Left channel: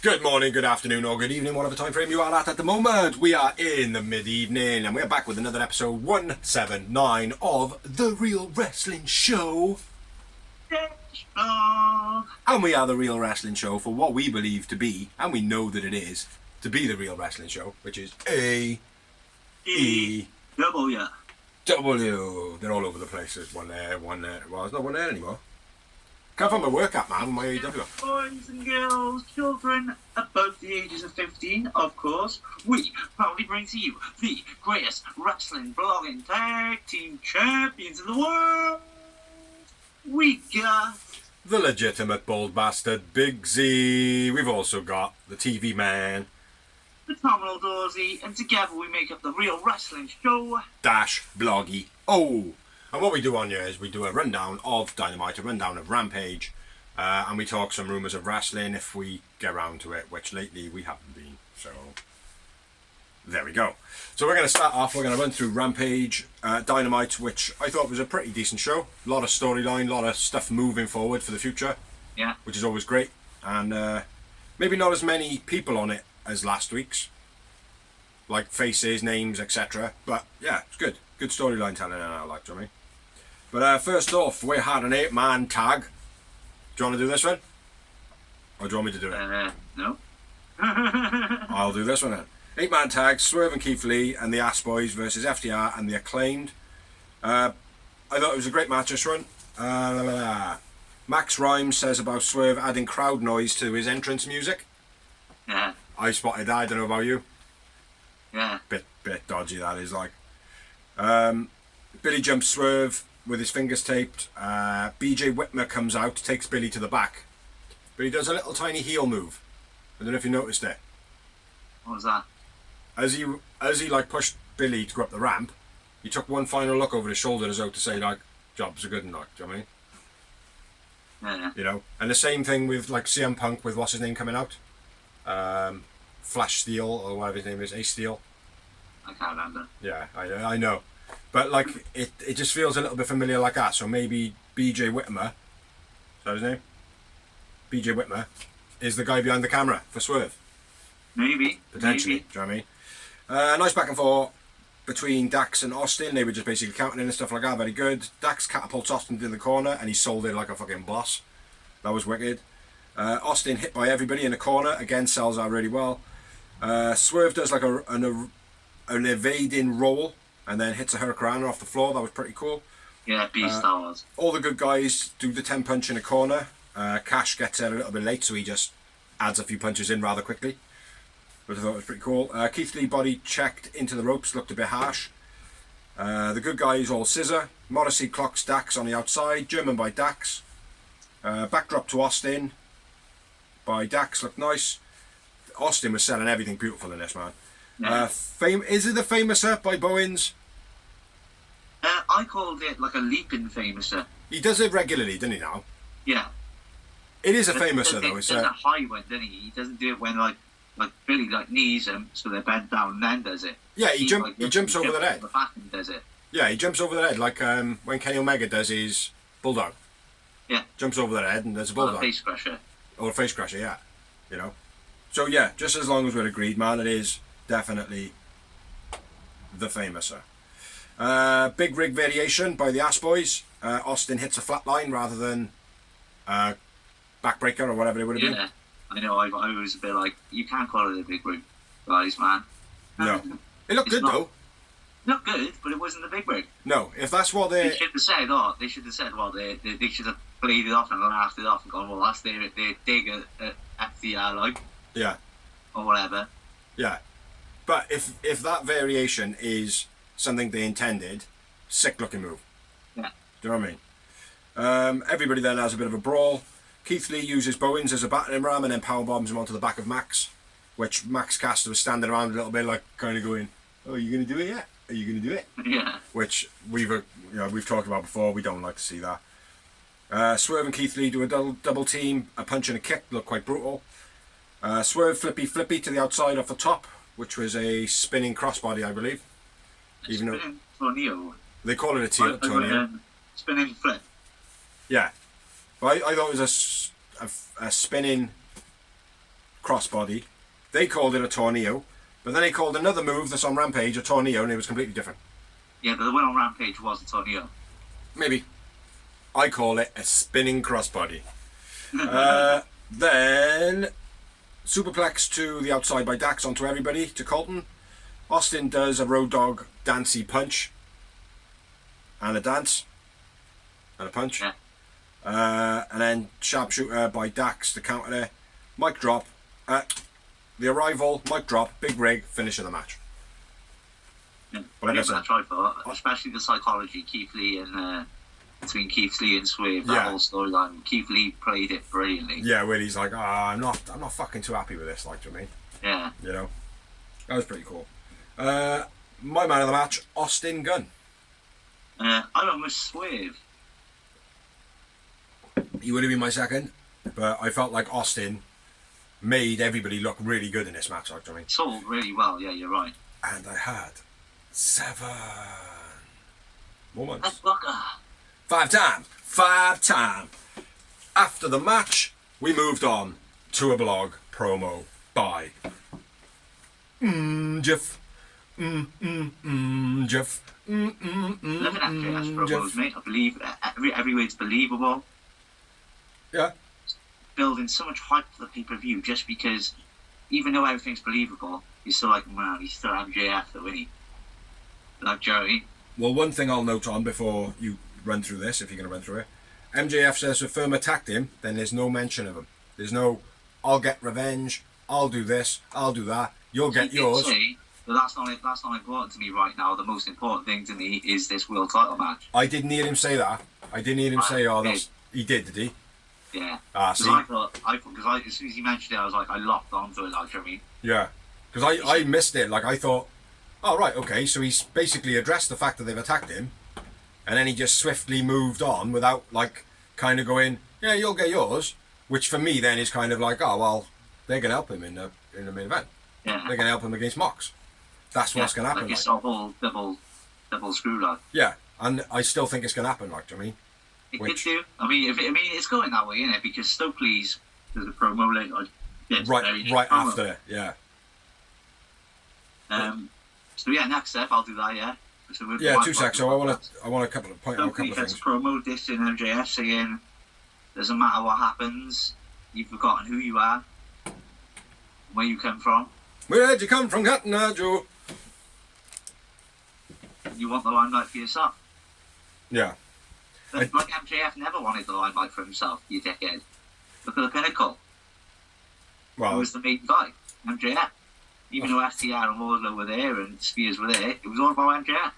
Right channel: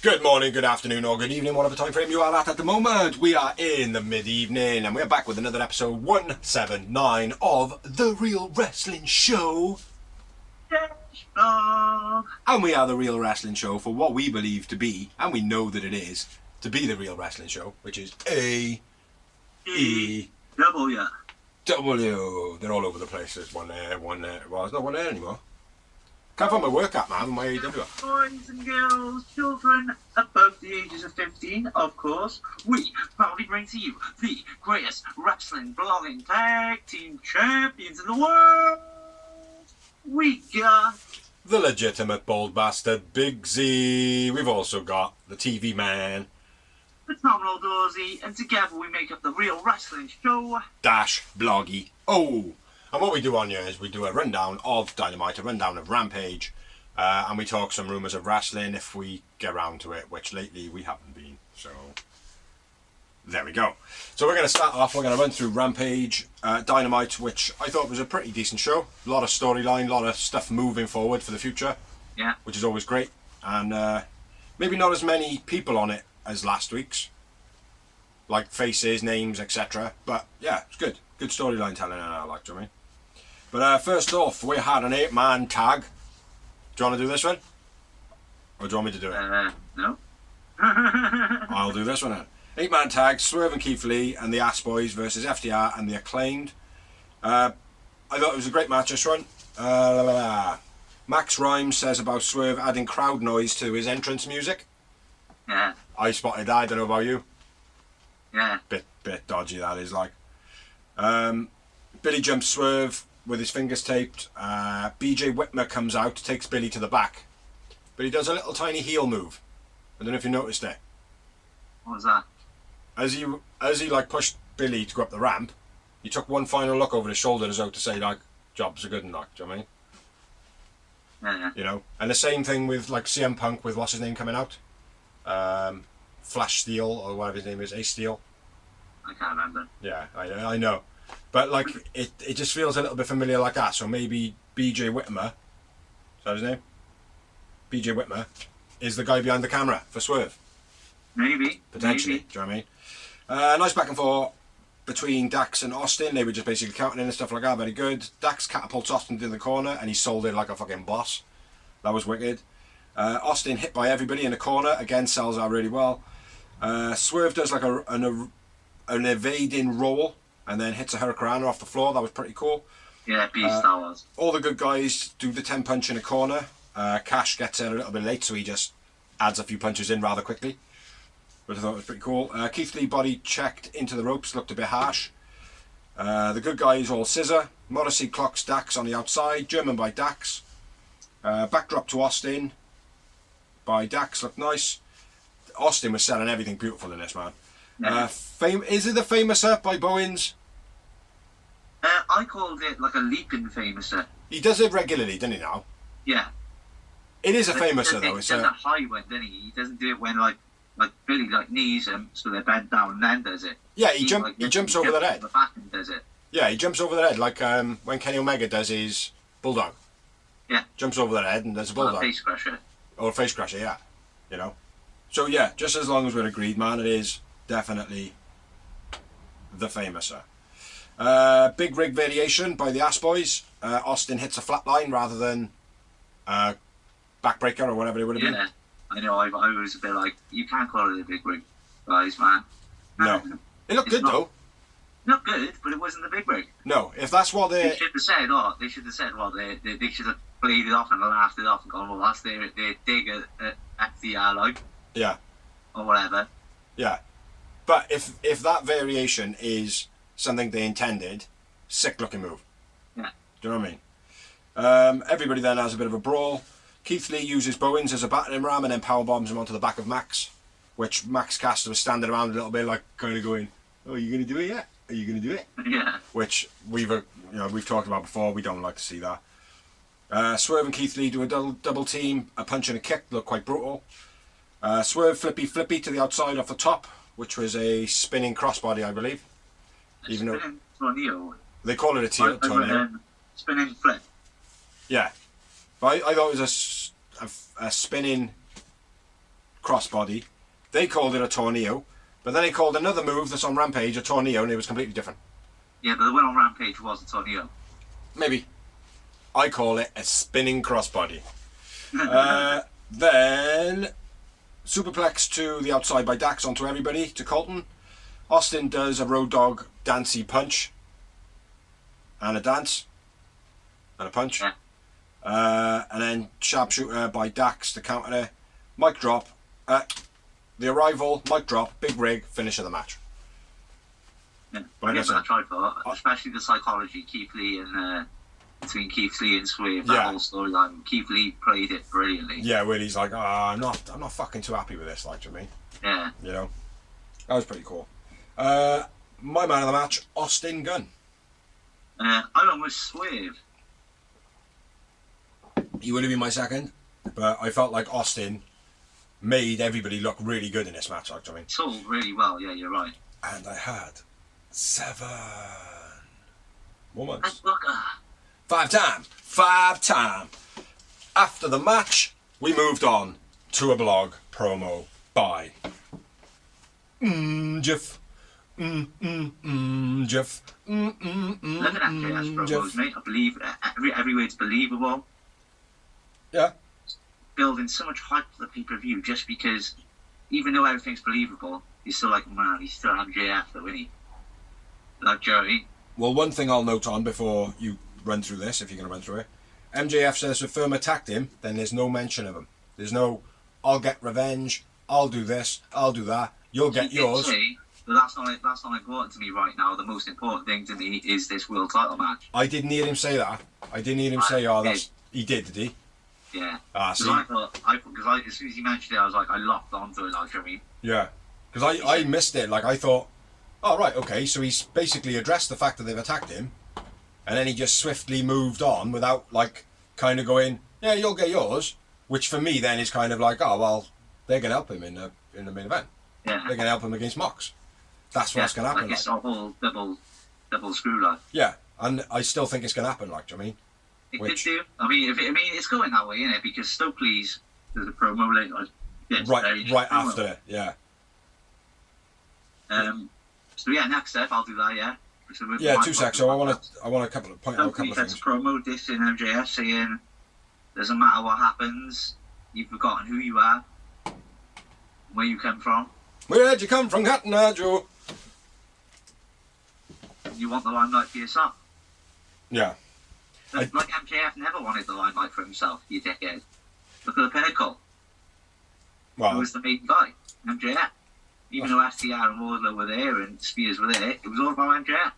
Good morning, good afternoon, or good evening, whatever time frame you are at the moment. We are in the mid-evening, and we're back with another episode 179 of The Real Wrestling Show. And we are The Real Wrestling Show for what we believe to be, and we know that it is, to be The Real Wrestling Show, which is A-E-W. W. They're all over the place. There's one there, one there. Well, there's not one there anymore. Can't find my work app, man, my AEW. Boys and girls, children above the ages of 15, of course, we proudly bring to you the greatest wrestling blogging tag team champions in the world. We got the legitimate bald bastard, Big Z. We've also got the TV man, Phenomenal Dorsey, and together we make up the Real Wrestling Show Dash Bloggy. Oh! And what we do on here is we do a rundown of Dynamite, a rundown of Rampage, and we talk some rumours of wrestling if we get around to it, which lately we haven't been. So, there we go. So we're going to start off, we're going to run through Rampage, Dynamite, which I thought was a pretty decent show. A lot of storyline, a lot of stuff moving forward for the future, yeah, which is always great. And maybe not as many people on it as last week's, like faces, names, etc. But yeah, it's good. Good storyline telling, and I like, do you know what I mean? But first off, we had an 8-man tag. Do you want to do this one? Or do you want me to do it? No. I'll do this one then. 8-man tag, Swerve and Keith Lee and the Ass Boys versus FTR and the Acclaimed. I thought it was a great match this one. Max Rhymes says about Swerve adding crowd noise to his entrance music. Yeah. I spotted that, I don't know about you. Yeah. Bit dodgy that is, like. Billy jumps Swerve with his fingers taped. BJ Whitmer comes out, takes Billy to the back, but he does a little tiny heel move. I don't know if you noticed it. What was that? As he like pushed Billy to go up the ramp, he took one final look over his shoulder as though to say like, jobs are good and like, do you know what I mean? Yeah. You know, and the same thing with like CM Punk with what's his name coming out, Flash Steel or whatever his name is, Ace Steel. I can't remember. Yeah, I know. But like it just feels a little bit familiar like that. So maybe BJ Whitmer, is that his name? BJ Whitmer is the guy behind the camera for Swerve. Maybe. Potentially. Maybe. Do you know what I mean? Nice back and forth between Dax and Austin. They were just basically counting in and stuff like that. Very good. Dax catapults Austin into the corner and he sold it like a fucking boss. That was wicked. Austin hit by everybody in the corner. Again, sells out really well. Swerve does like an evading roll and then hits a Hurricanrana off the floor. That was pretty cool. Yeah, beast that was. All the good guys do the 10 punch in a corner. Cash gets there a little bit late, so he just adds a few punches in rather quickly. But I thought it was pretty cool. Keith Lee body checked into the ropes, looked a bit harsh. The good guys all scissor. Morrissey clocks Dax on the outside. German by Dax. Backdrop to Austin by Dax, looked nice. Austin was selling everything beautiful in this, man. Yeah. Is it the Famouser by Bowens? I called it like a leaping famouser. He does it regularly, doesn't he now? Yeah. It is a Famouser though. He does a high one, doesn't he? He doesn't do it when like Billy like knees him so they're bent down and then does it. Yeah, he jumps over their head. The back and does it. Yeah, he jumps over their head like when Kenny Omega does his bulldog. Yeah. Jumps over their head and does a bulldog. Or a face crusher. Or a face crusher, yeah. You know. So yeah, just as long as we're agreed, man, it is definitely the Famouser. Big rig variation by the Ass Boys. Austin hits a flatline rather than backbreaker or whatever it would have been. Yeah, I know. I was a bit like, you can't call it a big rig, guys, man. No. It looked good though. Not good, but it wasn't the big rig. No, if that's what they should have said, they should have played it off and laughed it off and gone, well, that's their dig at the like. Yeah. Or whatever. Yeah. But if that variation is something they intended, sick looking move. Yeah. Do you know what I mean? Everybody then has a bit of a brawl. Keith Lee uses Bowens as a battering ram and then power bombs him onto the back of Max, which Max Caster was standing around a little bit like kind of going, oh, are you going to do it yet? Are you going to do it? Yeah. Which we've talked about before. We don't like to see that. Swerve and Keith Lee do a double team, a punch and a kick, look quite brutal. Swerve flippy to the outside off the top, which was a spinning crossbody, I believe. Even though tornado. they call it a tornado. Spinning flip. Yeah, but I thought it was a spinning crossbody. They called it a tornado, but then they called another move that's on Rampage a tornado, and it was completely different. Yeah, but the one on Rampage was a tornado. Maybe. I call it a spinning crossbody. Then superplex to the outside by Dax onto everybody to Colton. Austin does a Road Dogg dancey punch and a dance and a punch. Yeah. And then sharpshooter by Dax to counter there. Mic drop. The arrival, mic drop, big rig, finish of the match. Yeah, But I tried for, especially the psychology, Keith Lee and between Keith Lee and Swerve, that whole storyline. Keith Lee played it brilliantly. Yeah, where he's like, I'm not fucking too happy with this, like, do you know what I mean? Yeah. You know? That was pretty cool. My man of the match, Austin Gunn. I went with Swerve. He would have been my second, but I felt like Austin made everybody look really good in this match, like, do you know what I mean? Sold really well, yeah, you're right. And I had 7 moments. That's Booker. 5 time. After the match, we moved on to a blog promo by Jeff. Jeff. Looking at JS promos, mate, I believe every word's believable. Yeah. Building so much hype for the pay-per-view just because, even though everything's believable, you're still like, man, he's still MJF though, isn't he? Like Joey. Well, one thing I'll note on before you run through this, if you're going to run through it, MJF says if Firm attacked him, then there's no mention of him. There's no, I'll get revenge, I'll do this, I'll do that, you'll get yours. But that's not important to me right now. The most important thing to me is this world title match. I didn't hear him say that. I didn't hear him say, that's... He did he? Yeah. See? Because as soon as he mentioned it, I was like, I locked onto it, like, you know what I mean? Yeah. Because I missed it. Like, I thought, oh, right, okay, so he's basically addressed the fact that they've attacked him, and then he just swiftly moved on without, like, kind of going, yeah, you'll get yours, which for me then is kind of like, oh, well, they're going to help him in the main event. Yeah. They're going to help him against Mox. That's what's going to happen. Like, it's a whole double screw, like. Yeah, and I still think it's going to happen, like, do you know what I mean? It could do. I mean, it's going that way, isn't it? Because Stokely's there's a promo later. Right after, yeah. So yeah, next step I'll do that. Yeah. So 2 seconds. So I want a couple of point out a couple of things. Promo dissing MJF saying, "Doesn't matter what happens, you've forgotten who you are, where you come from. Where'd you come from, Cotton Eye Joe? You want the limelight for yourself." Yeah. But like MJF never wanted the limelight for himself, you dickhead. Look at the Pinnacle. Well, Who was the main guy? MJF. Even though FTR and Wardlow were there and Spears were there, it was all about MJF.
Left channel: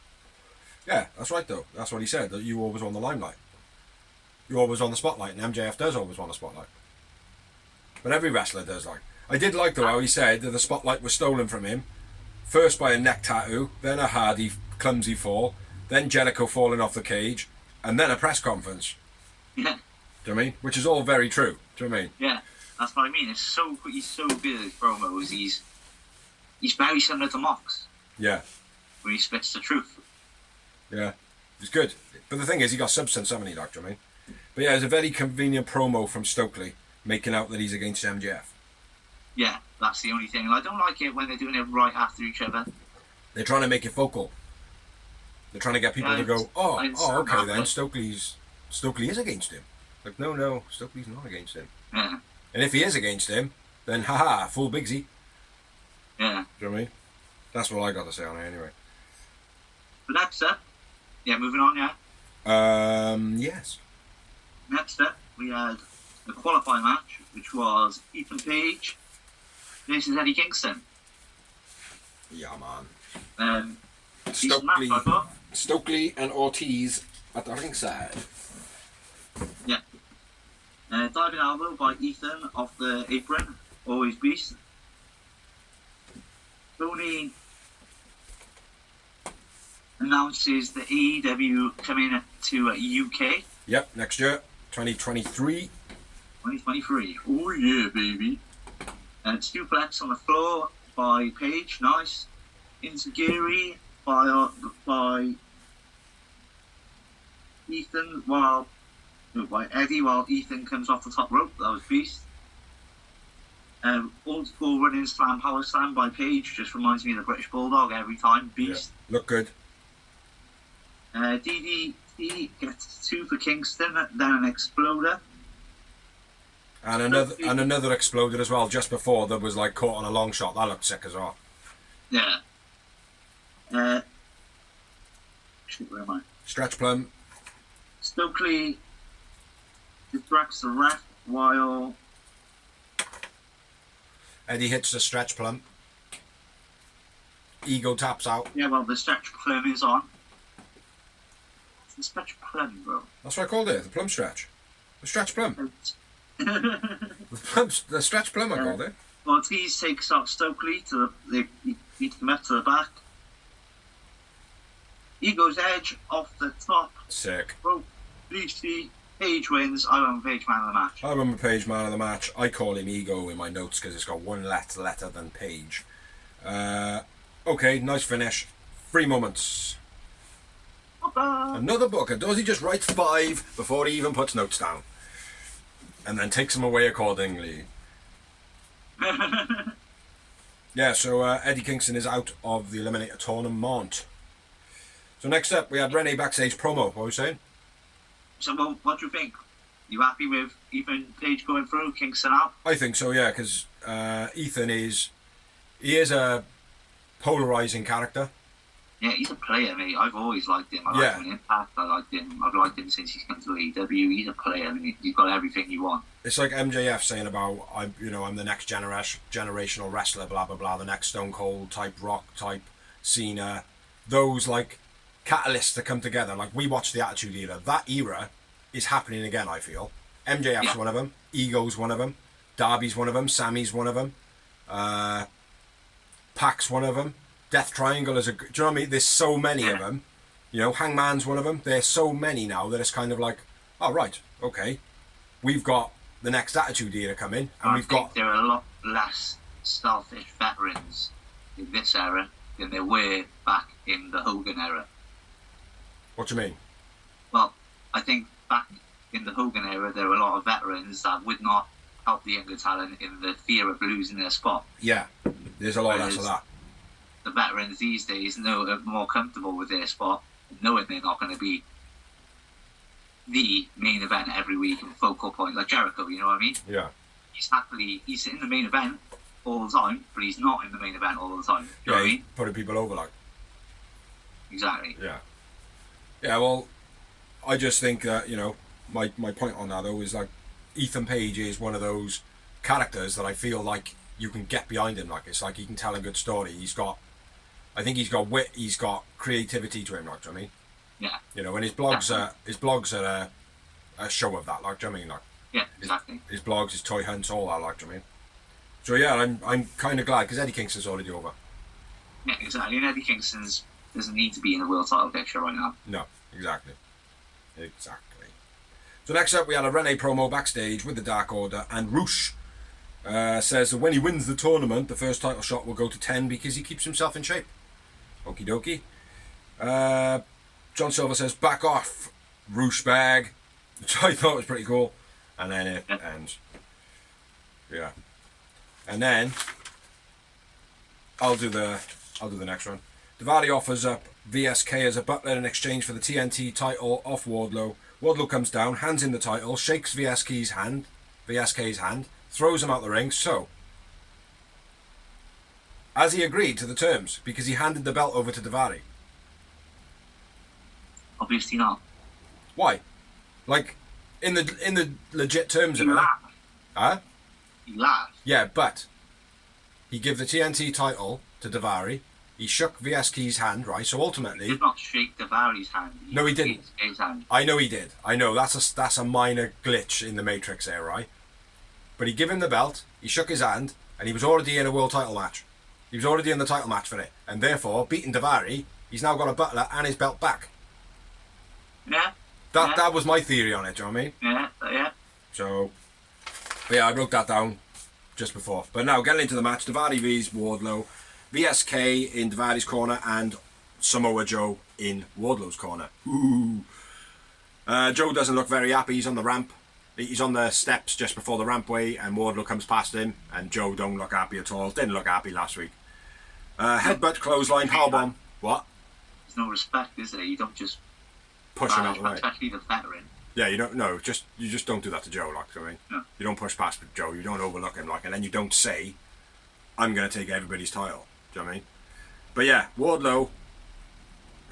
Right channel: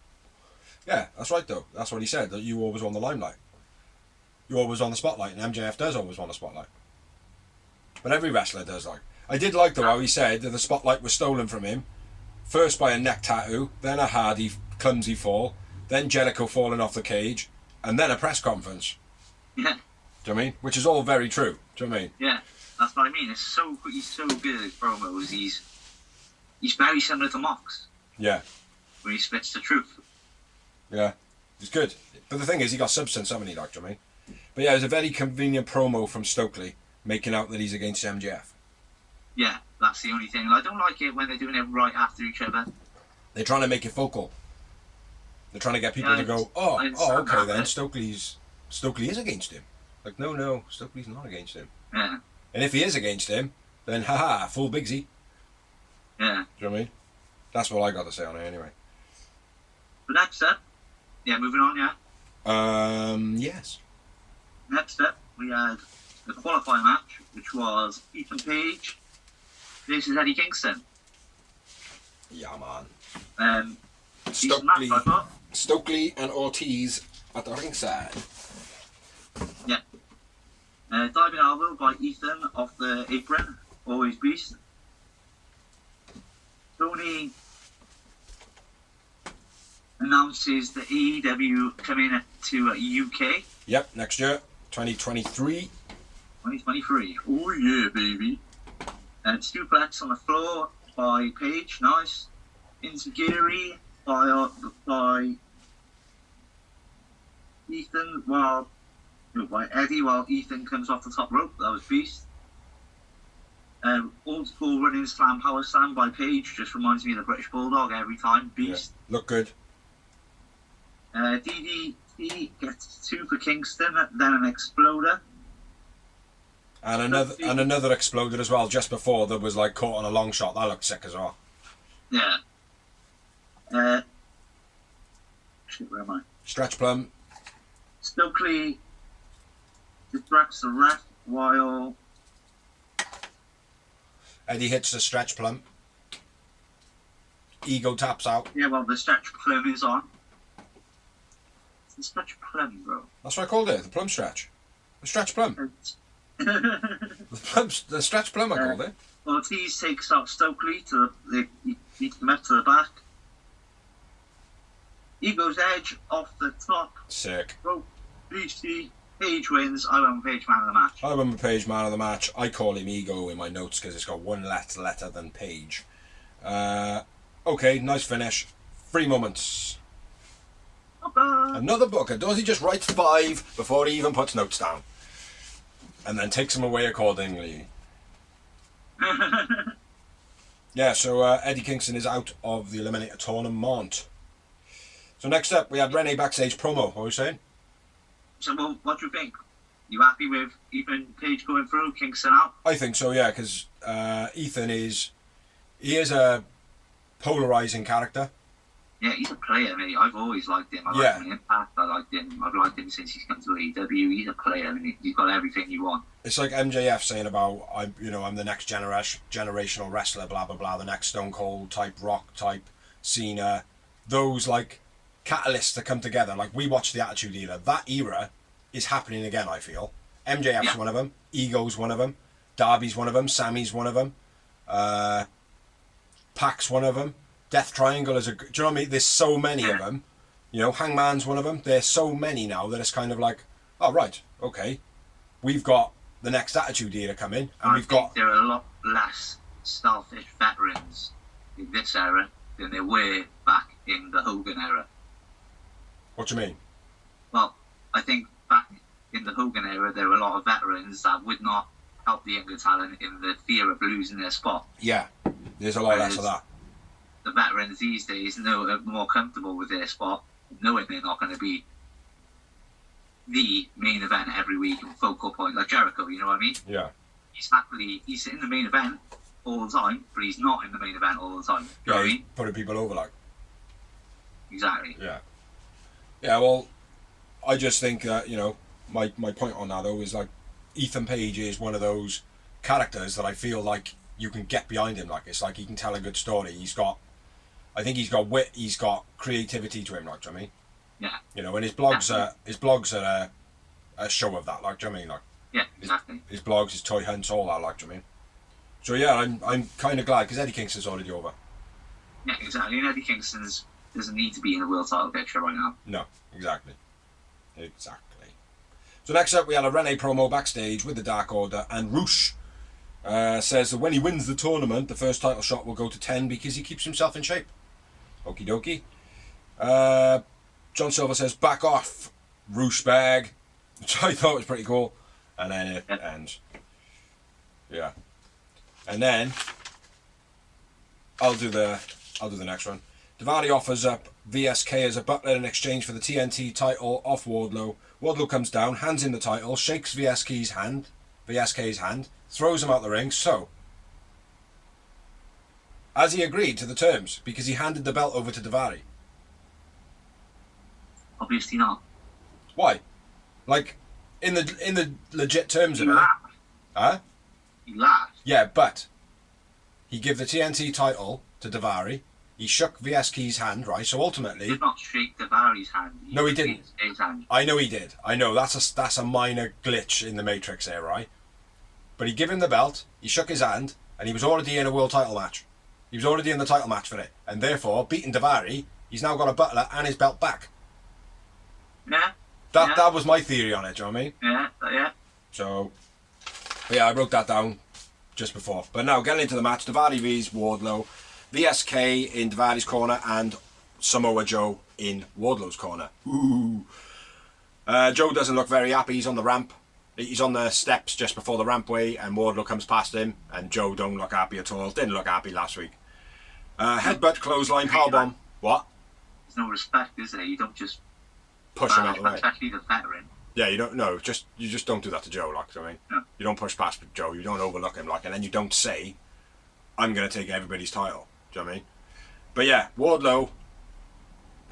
Yeah, that's right though. That's what he said, that you always want the limelight. You always on the spotlight, and MJF does always want the spotlight. But every wrestler does, like. I did like though how he said that the spotlight was stolen from him, first by a neck tattoo, then a Hardy clumsy fall, then Jericho falling off the cage, and then a press conference. Yeah. Do you know what I mean? Which is all very true. Do you know what I mean? Yeah, that's what I mean. He's so good at his promos. He's very similar to Mox. Yeah. When he spits the truth. Yeah. He's good. But the thing is, he got substance, haven't he, Doctor? I mean? But yeah, it was a very convenient promo from Stokely, making out that he's against MJF. Yeah, that's the only thing. And I don't like it when they're doing it right after each other. They're trying to make it focal. They're trying to get people to go, okay then, Stokely is against him. Like, no, Stokely's not against him. Yeah. And if he is against him, then haha, full Bigsy. Yeah. Do you know what I mean? That's what I got to say on it anyway. But next up, moving on, yes. Next up, we had a qualifying match, which was Ethan Page versus Eddie Kingston. Yeah, man. Stokely and Ortiz at the ringside. Yeah. Diving elbow by Ethan off the apron. Always beast. Tony announces the AEW coming to UK. Yep, next year. 2023. 2023. Oh yeah, baby. And suplex on the floor by Paige. Nice. Insecurity by Ethan by Eddie while Ethan comes off the top rope. That was beast. Old school running slam power slam by Paige just reminds me of the British Bulldog every time. Beast. Yeah. Look good. DDT gets 2 for Kingston, then an exploder. And another exploder as well just before that was like caught on a long shot. That looked sick as well. Yeah. Shit, where am I? Stretch plum. Stokely distracts the ref while Eddie hits the stretch plum. Ego taps out. Yeah, well, the stretch plum is on. It's the stretch plum, bro. That's what I called it. The plum stretch. The stretch plum. The stretch plum I called it. Ortiz takes out Stokely he beats him up to the back. Ego's edge off the top. Sick. Bro, BC. Paige wins. I went with Paige man of the match. I went with Paige man of the match. I call him Ego in my notes because it's got one less letter than Paige. Okay, nice finish. 3 moments. Another booker. Does he just write 5 before he even puts notes down? And then takes them away accordingly. Yeah, so Eddie Kingston is out of the Eliminator Tournament. So next up, we had Renee backstage promo. What were you saying? So, well, what do you think? You happy with Ethan Page going through, Kingston out? I think so, yeah, because Ethan is a polarising character. Yeah, he's a player, mate. I've always liked him. I liked him in Impact. I liked him. I've liked him since he's come to AEW. He's a player. I mean, he's got everything you want. It's like MJF saying about I'm the next generational wrestler, blah blah blah, the next Stone Cold type, Rock type, Cena. Those like catalysts that come together. Like we watched the Attitude Era. That era is happening again. I feel MJF's one of them. Ego's one of them. Darby's one of them. Sammy's one of them. Pac's one of them. Death Triangle is do you know what I mean? There's so many of them. You know, Hangman's one of them. There's so many now that it's kind of like, oh right, okay, we've got the next Attitude Era coming, and we've got. There are a lot less selfish veterans in this era than there were back in the Hogan era. What do you mean? Well, I think back in the Hogan era, there were a lot of veterans that would not help the younger talent in the fear of losing their spot. Yeah, there's a lot less of that. The veterans these days are more comfortable with their spot, knowing they're not going to be the main event every week and focal point like Jericho. You know what I mean? Yeah. He's in the main event all the time, but he's not in the main event all the time. You know what I mean? Putting people over like. Exactly. Yeah. Yeah. Well, I just think that my point on that though is like Ethan Page is one of those characters that I feel like you can get behind him. Like it's like he can tell a good story. I think he's got wit. He's got creativity to him. Like, do you know what I mean? Yeah. And his blogs are a show of that. Like, do you know what I mean? Like, yeah, exactly. His blogs, his toy hunts, all that. Like, do you know what I mean? So yeah, I'm kind of glad because Eddie Kingston's already over. Yeah, exactly. And Eddie Kingston doesn't need to be in a world title picture right now. No, exactly. So next up, we had a Renee promo backstage with the Dark Order, and Roosh says that when he wins the tournament, the first title shot will go to 10 because he keeps himself in shape. Okie dokie. John Silver says, back off, Roosh bag, which I thought was pretty cool. And then it ends. Yeah. And then I'll do the next one. Daivari offers up VSK as a butler in exchange for the TNT title off Wardlow. Wardlow comes down, hands him the title, shakes VSK's hand, throws him out the ring. So, has he agreed to the terms? Because he handed the belt over to Daivari. Obviously not. Why? Like, in the legit terms He of it. laughed. Huh? He laughed. Yeah, but he gave the TNT title to Daivari. He shook VSK's hand, right? So ultimately, He did not shake Daivari's hand. No, he didn't. shook his hand. I know he did. I know that's a minor glitch in the Matrix there, right? But he gave him the belt. He shook his hand, and he was already in a world title match. He was already in the title match for it, and therefore, beating Daivari, he's now got a butler and his belt back. Yeah. That was my theory on it, do you know what I mean? Yeah. So, but yeah, I wrote that down just before. But now, getting into the match, Daivari vs Wardlow, VSK in Daivari's corner, and Samoa Joe in Wardlow's corner. Ooh. Joe doesn't look very happy. He's on the ramp. He's on the steps just before the rampway, and Wardlow comes past him, and Joe don't look happy at all. Didn't look happy last week. Headbutt, clothesline, powerbomb. What? There's no respect, is there? You don't just Push him out of the way. Especially the veteran. Yeah, you don't. No, you just don't do that to Joe. Like, I mean, No. you don't push past Joe. You don't overlook him. Like, and then you don't say, "I'm going to take everybody's title." Do you know what I mean? But yeah, Wardlow.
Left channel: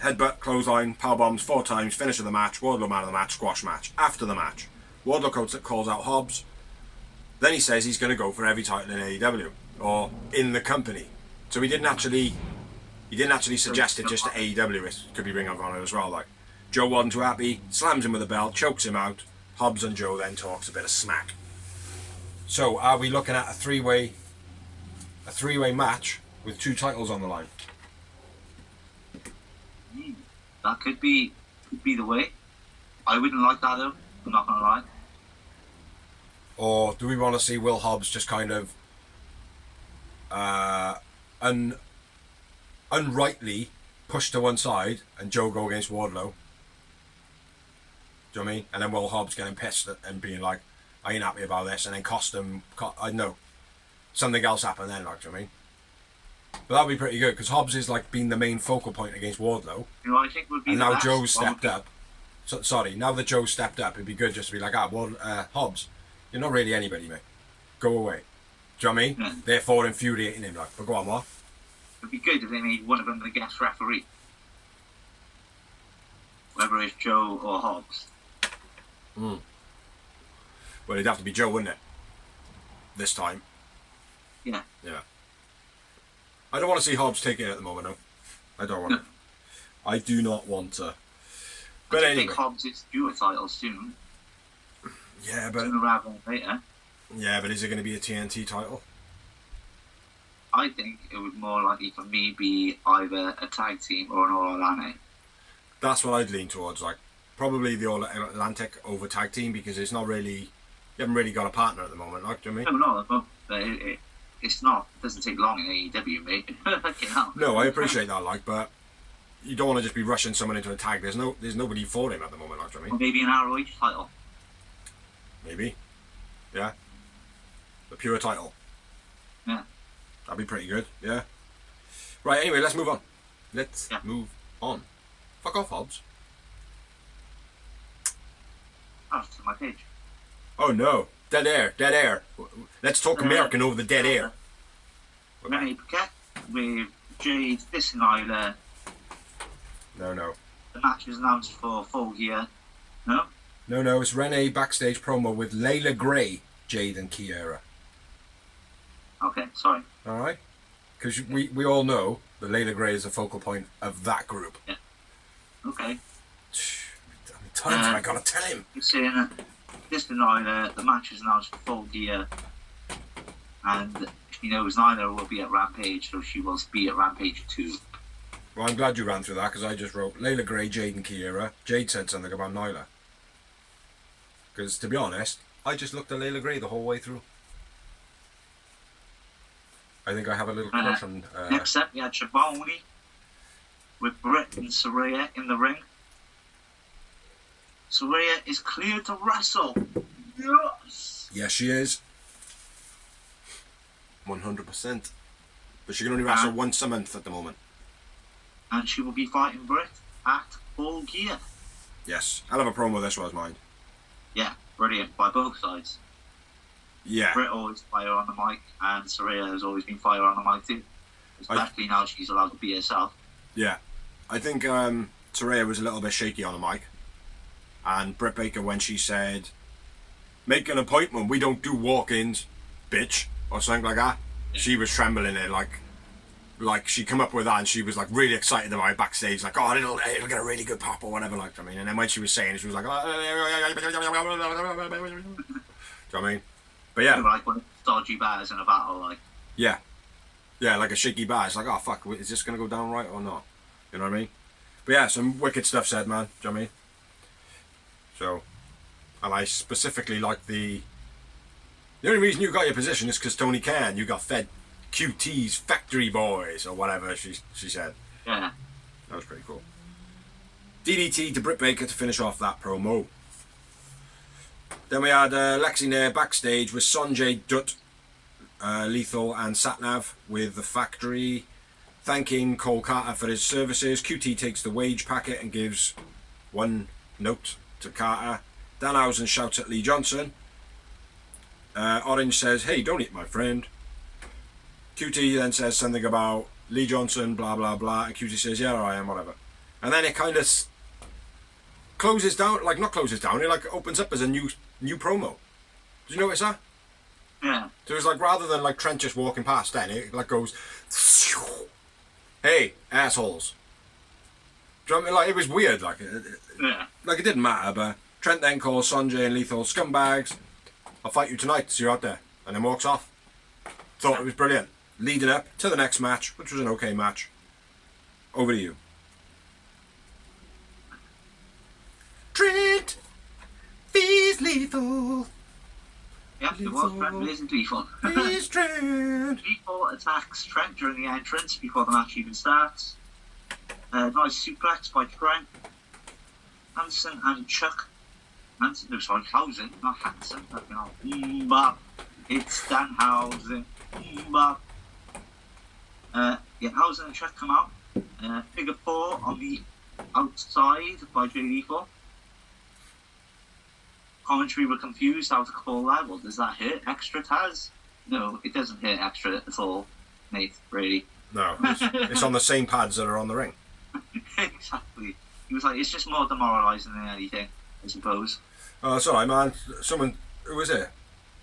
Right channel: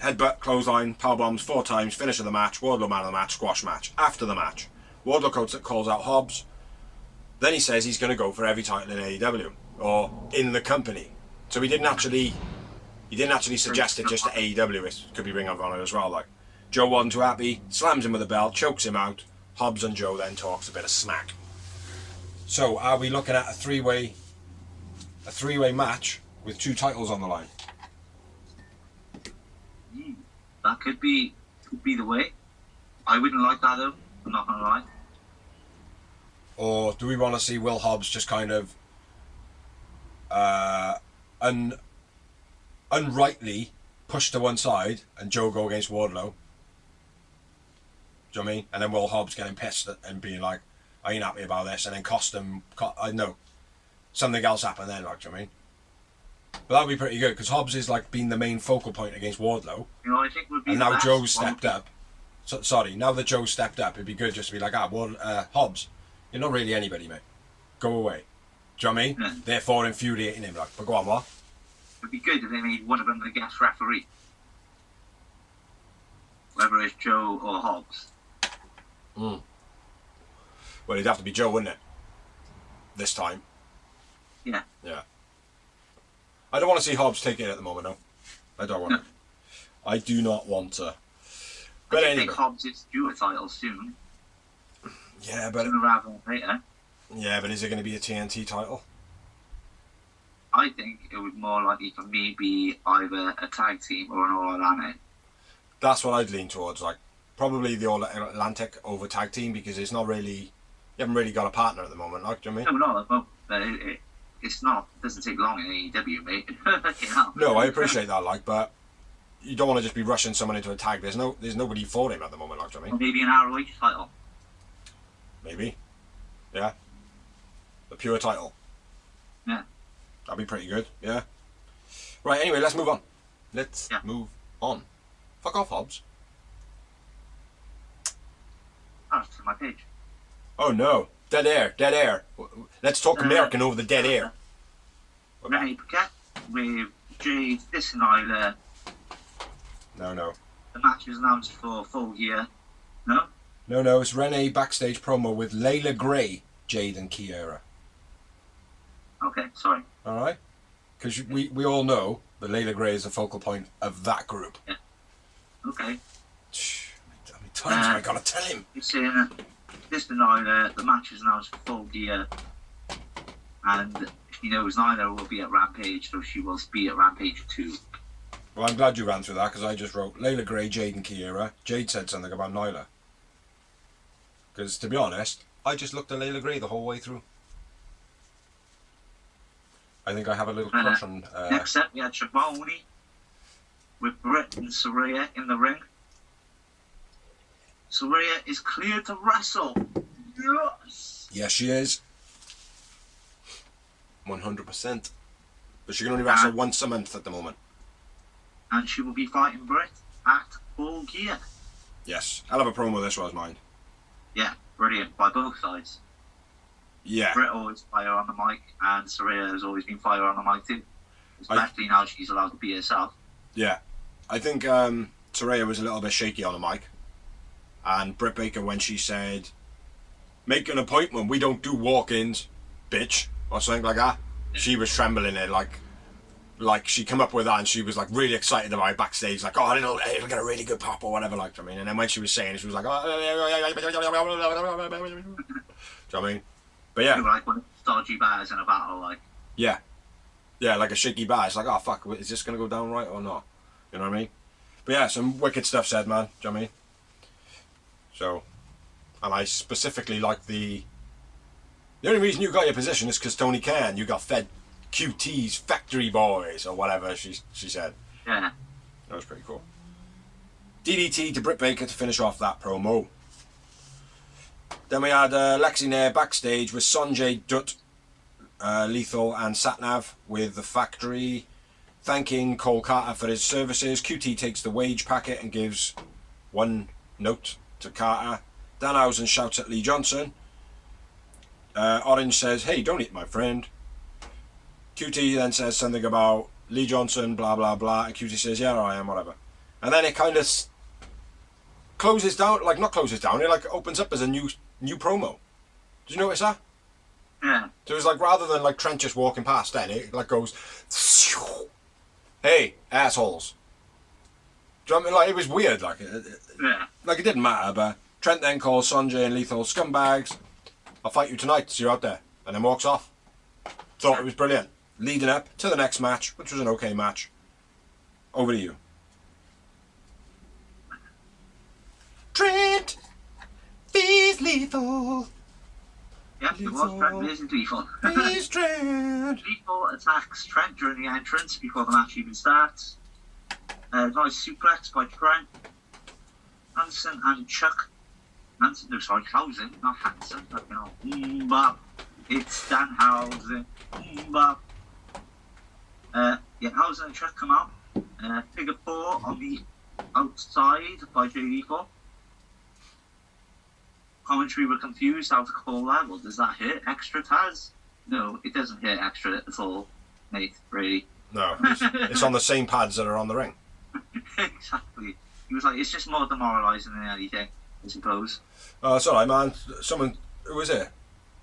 Headbutt, clothesline, powerbombs 4 times. Finish of the match. Wardlow man of the match. Squash match. After the match, Wardlow calls out Hobbs. Then he says he's going to go for every title in AEW or in the company. So he didn't actually suggest it just to AEW. It could be Ring of Honor as well. Like, Joe wasn't too happy. Slams him with the belt. Chokes him out. Hobbs and Joe then talks a bit of smack. So are we looking at a three-way match with 2 titles on the line? That could be the way. I wouldn't like that though. I'm not gonna lie. Or do we want to see Will Hobbs just kind of unrightly pushed to one side and Joe go against Wardlow? Do you know what I mean? And then Will Hobbs getting pissed and being like, I ain't happy about this, and then I know something else happened then, like, do you know what I mean? But that'd be pretty good because Hobbs is like being the main focal point against Wardlow. You know, I think would be. And the now best. Joe's stepped up. So, sorry, now that Joe's stepped up, it'd be good just to be like, Hobbs, you're not really anybody, mate. Go away. Do you know what I mean? Yeah. Therefore infuriating him, like, but go on, what? It'd be good if they made one of them the guest referee. Whether it's Joe or Hobbs. Well, it'd have to be Joe, wouldn't it? This time. Yeah. Yeah. I don't want to see Hobbs take it at the moment, though. I don't want to. I do not want to. But I anyway. think Hobbs is due a title soon. Yeah, but Sooner rather than later. yeah, but is it going to be a TNT title? I think it would more likely for me be either a tag team or an All Atlantic. That's what I'd lean towards. Like, probably the All Atlantic over tag team because it's not really. You haven't really got a partner at the moment, like, do you know what I mean? No, but it's not. It doesn't take long in AEW, mate. You know? No, I appreciate that, like, but you don't want to just be rushing someone into a tag. There's nobody for him at the moment, like, do you know what I Or mean? maybe an ROH title. Maybe. Yeah. The pure title. Yeah. That'd be pretty good, yeah. Right, anyway, let's move on. Let's Yeah. move on. Fuck off, Hobbs. Oh, it's to my page. Oh no. Dead air, dead air. Let's talk American over the dead air. Renee Paquette with Jade Nyla. No. The match is announced for full gear. No? No, it's Renee backstage promo with Layla Gray, Jade and Kiera. Okay, sorry. Alright? Because we all know that Layla Gray is the focal point of that group. Yeah. Okay. How many times am I going to tell him? It's saying Nyla, the match is announced for full gear. And she knows Nyla will be at Rampage, so she will be at Rampage 2. Well, I'm glad you ran through that because I just wrote Layla Gray, Jade and Kiera. Jade said something about Nyla. Because, to be honest, I just looked at Layla Gray the whole way through. I think I have a little crush on... Next up, we had Shaboni with Britt and Saraya in the ring. Saraya is cleared to wrestle. Yes! Yes, she is. 100%. But she can only wrestle once a month at the moment. And she will be fighting Britt at Full Gear. Yes. Hell of a promo this was, mind. Yeah, brilliant by both sides. Yeah. Britt always fire on the mic, and Saraya has always been fire on the mic too. Especially now she's allowed to be herself. Yeah. I think Saraya was a little bit shaky on the mic. And Britt Baker, when she said, make an appointment, we don't do walk-ins, bitch, or something like that, she was trembling it like she come up with that and she was like really excited about it backstage, like, oh, it'll get a really good pop or whatever, like, I mean. And then when she was saying it, she was like, oh, do you know what I mean? But yeah. Like when dodgy bars in a battle, like. Yeah, like a shaky bar. It's like, oh fuck, is this gonna go down right or not? You know what I mean? But yeah, some wicked stuff said, man. Do you know what I mean? So, and I specifically like the only reason you got your position is because Tony Khan. You got fed QT's Factory Boys or whatever she said. Yeah. That was pretty cool. DDT to Britt Baker to finish off that promo. Then we had Lexi Nair backstage with Sonjay Dutt, Lethal and Satnav with the Factory, thanking Cole Carter for his services. QT takes the wage packet and gives one note to Carter. Danhausen shouts at Lee Johnson. Orange says, "Hey, don't eat my friend." QT then says something about Lee Johnson, blah blah blah, and QT says, "Yeah, I am, whatever." And then it kind of closes down, like not closes down, it like opens up as a new promo. Did you notice that? Yeah. So it's like rather than like Trent just walking past, then it like goes, "Hey, assholes." Do you know what I mean? Like it was weird, like like it didn't matter, but Trent then calls Sonjay and Lethal scumbags. "I'll fight you tonight, so you're out there," and then walks off. Thought it was brilliant. Leading up to the next match, which was an okay match. Over to you. Trent is lethal. Yeah, it was Trent versus Lethal. He's Trent. Lethal attacks Trent during the entrance before the match even starts. Nice suplex by Trent. Hansen and Chuck. Hausen, not Hansen. Bop. It's Danhausen. Bop. Hausen and Chuck come out. Figure 4 on the outside by Jay Lethal. Commentary were confused how to call that. Well, does that hurt extra, Taz? No, it doesn't hurt extra at all, mate, really. No, it's on the same pads that are on the ring. Exactly. He was like, it's just more demoralising than anything, I suppose. Oh, sorry, man. Someone, who was it?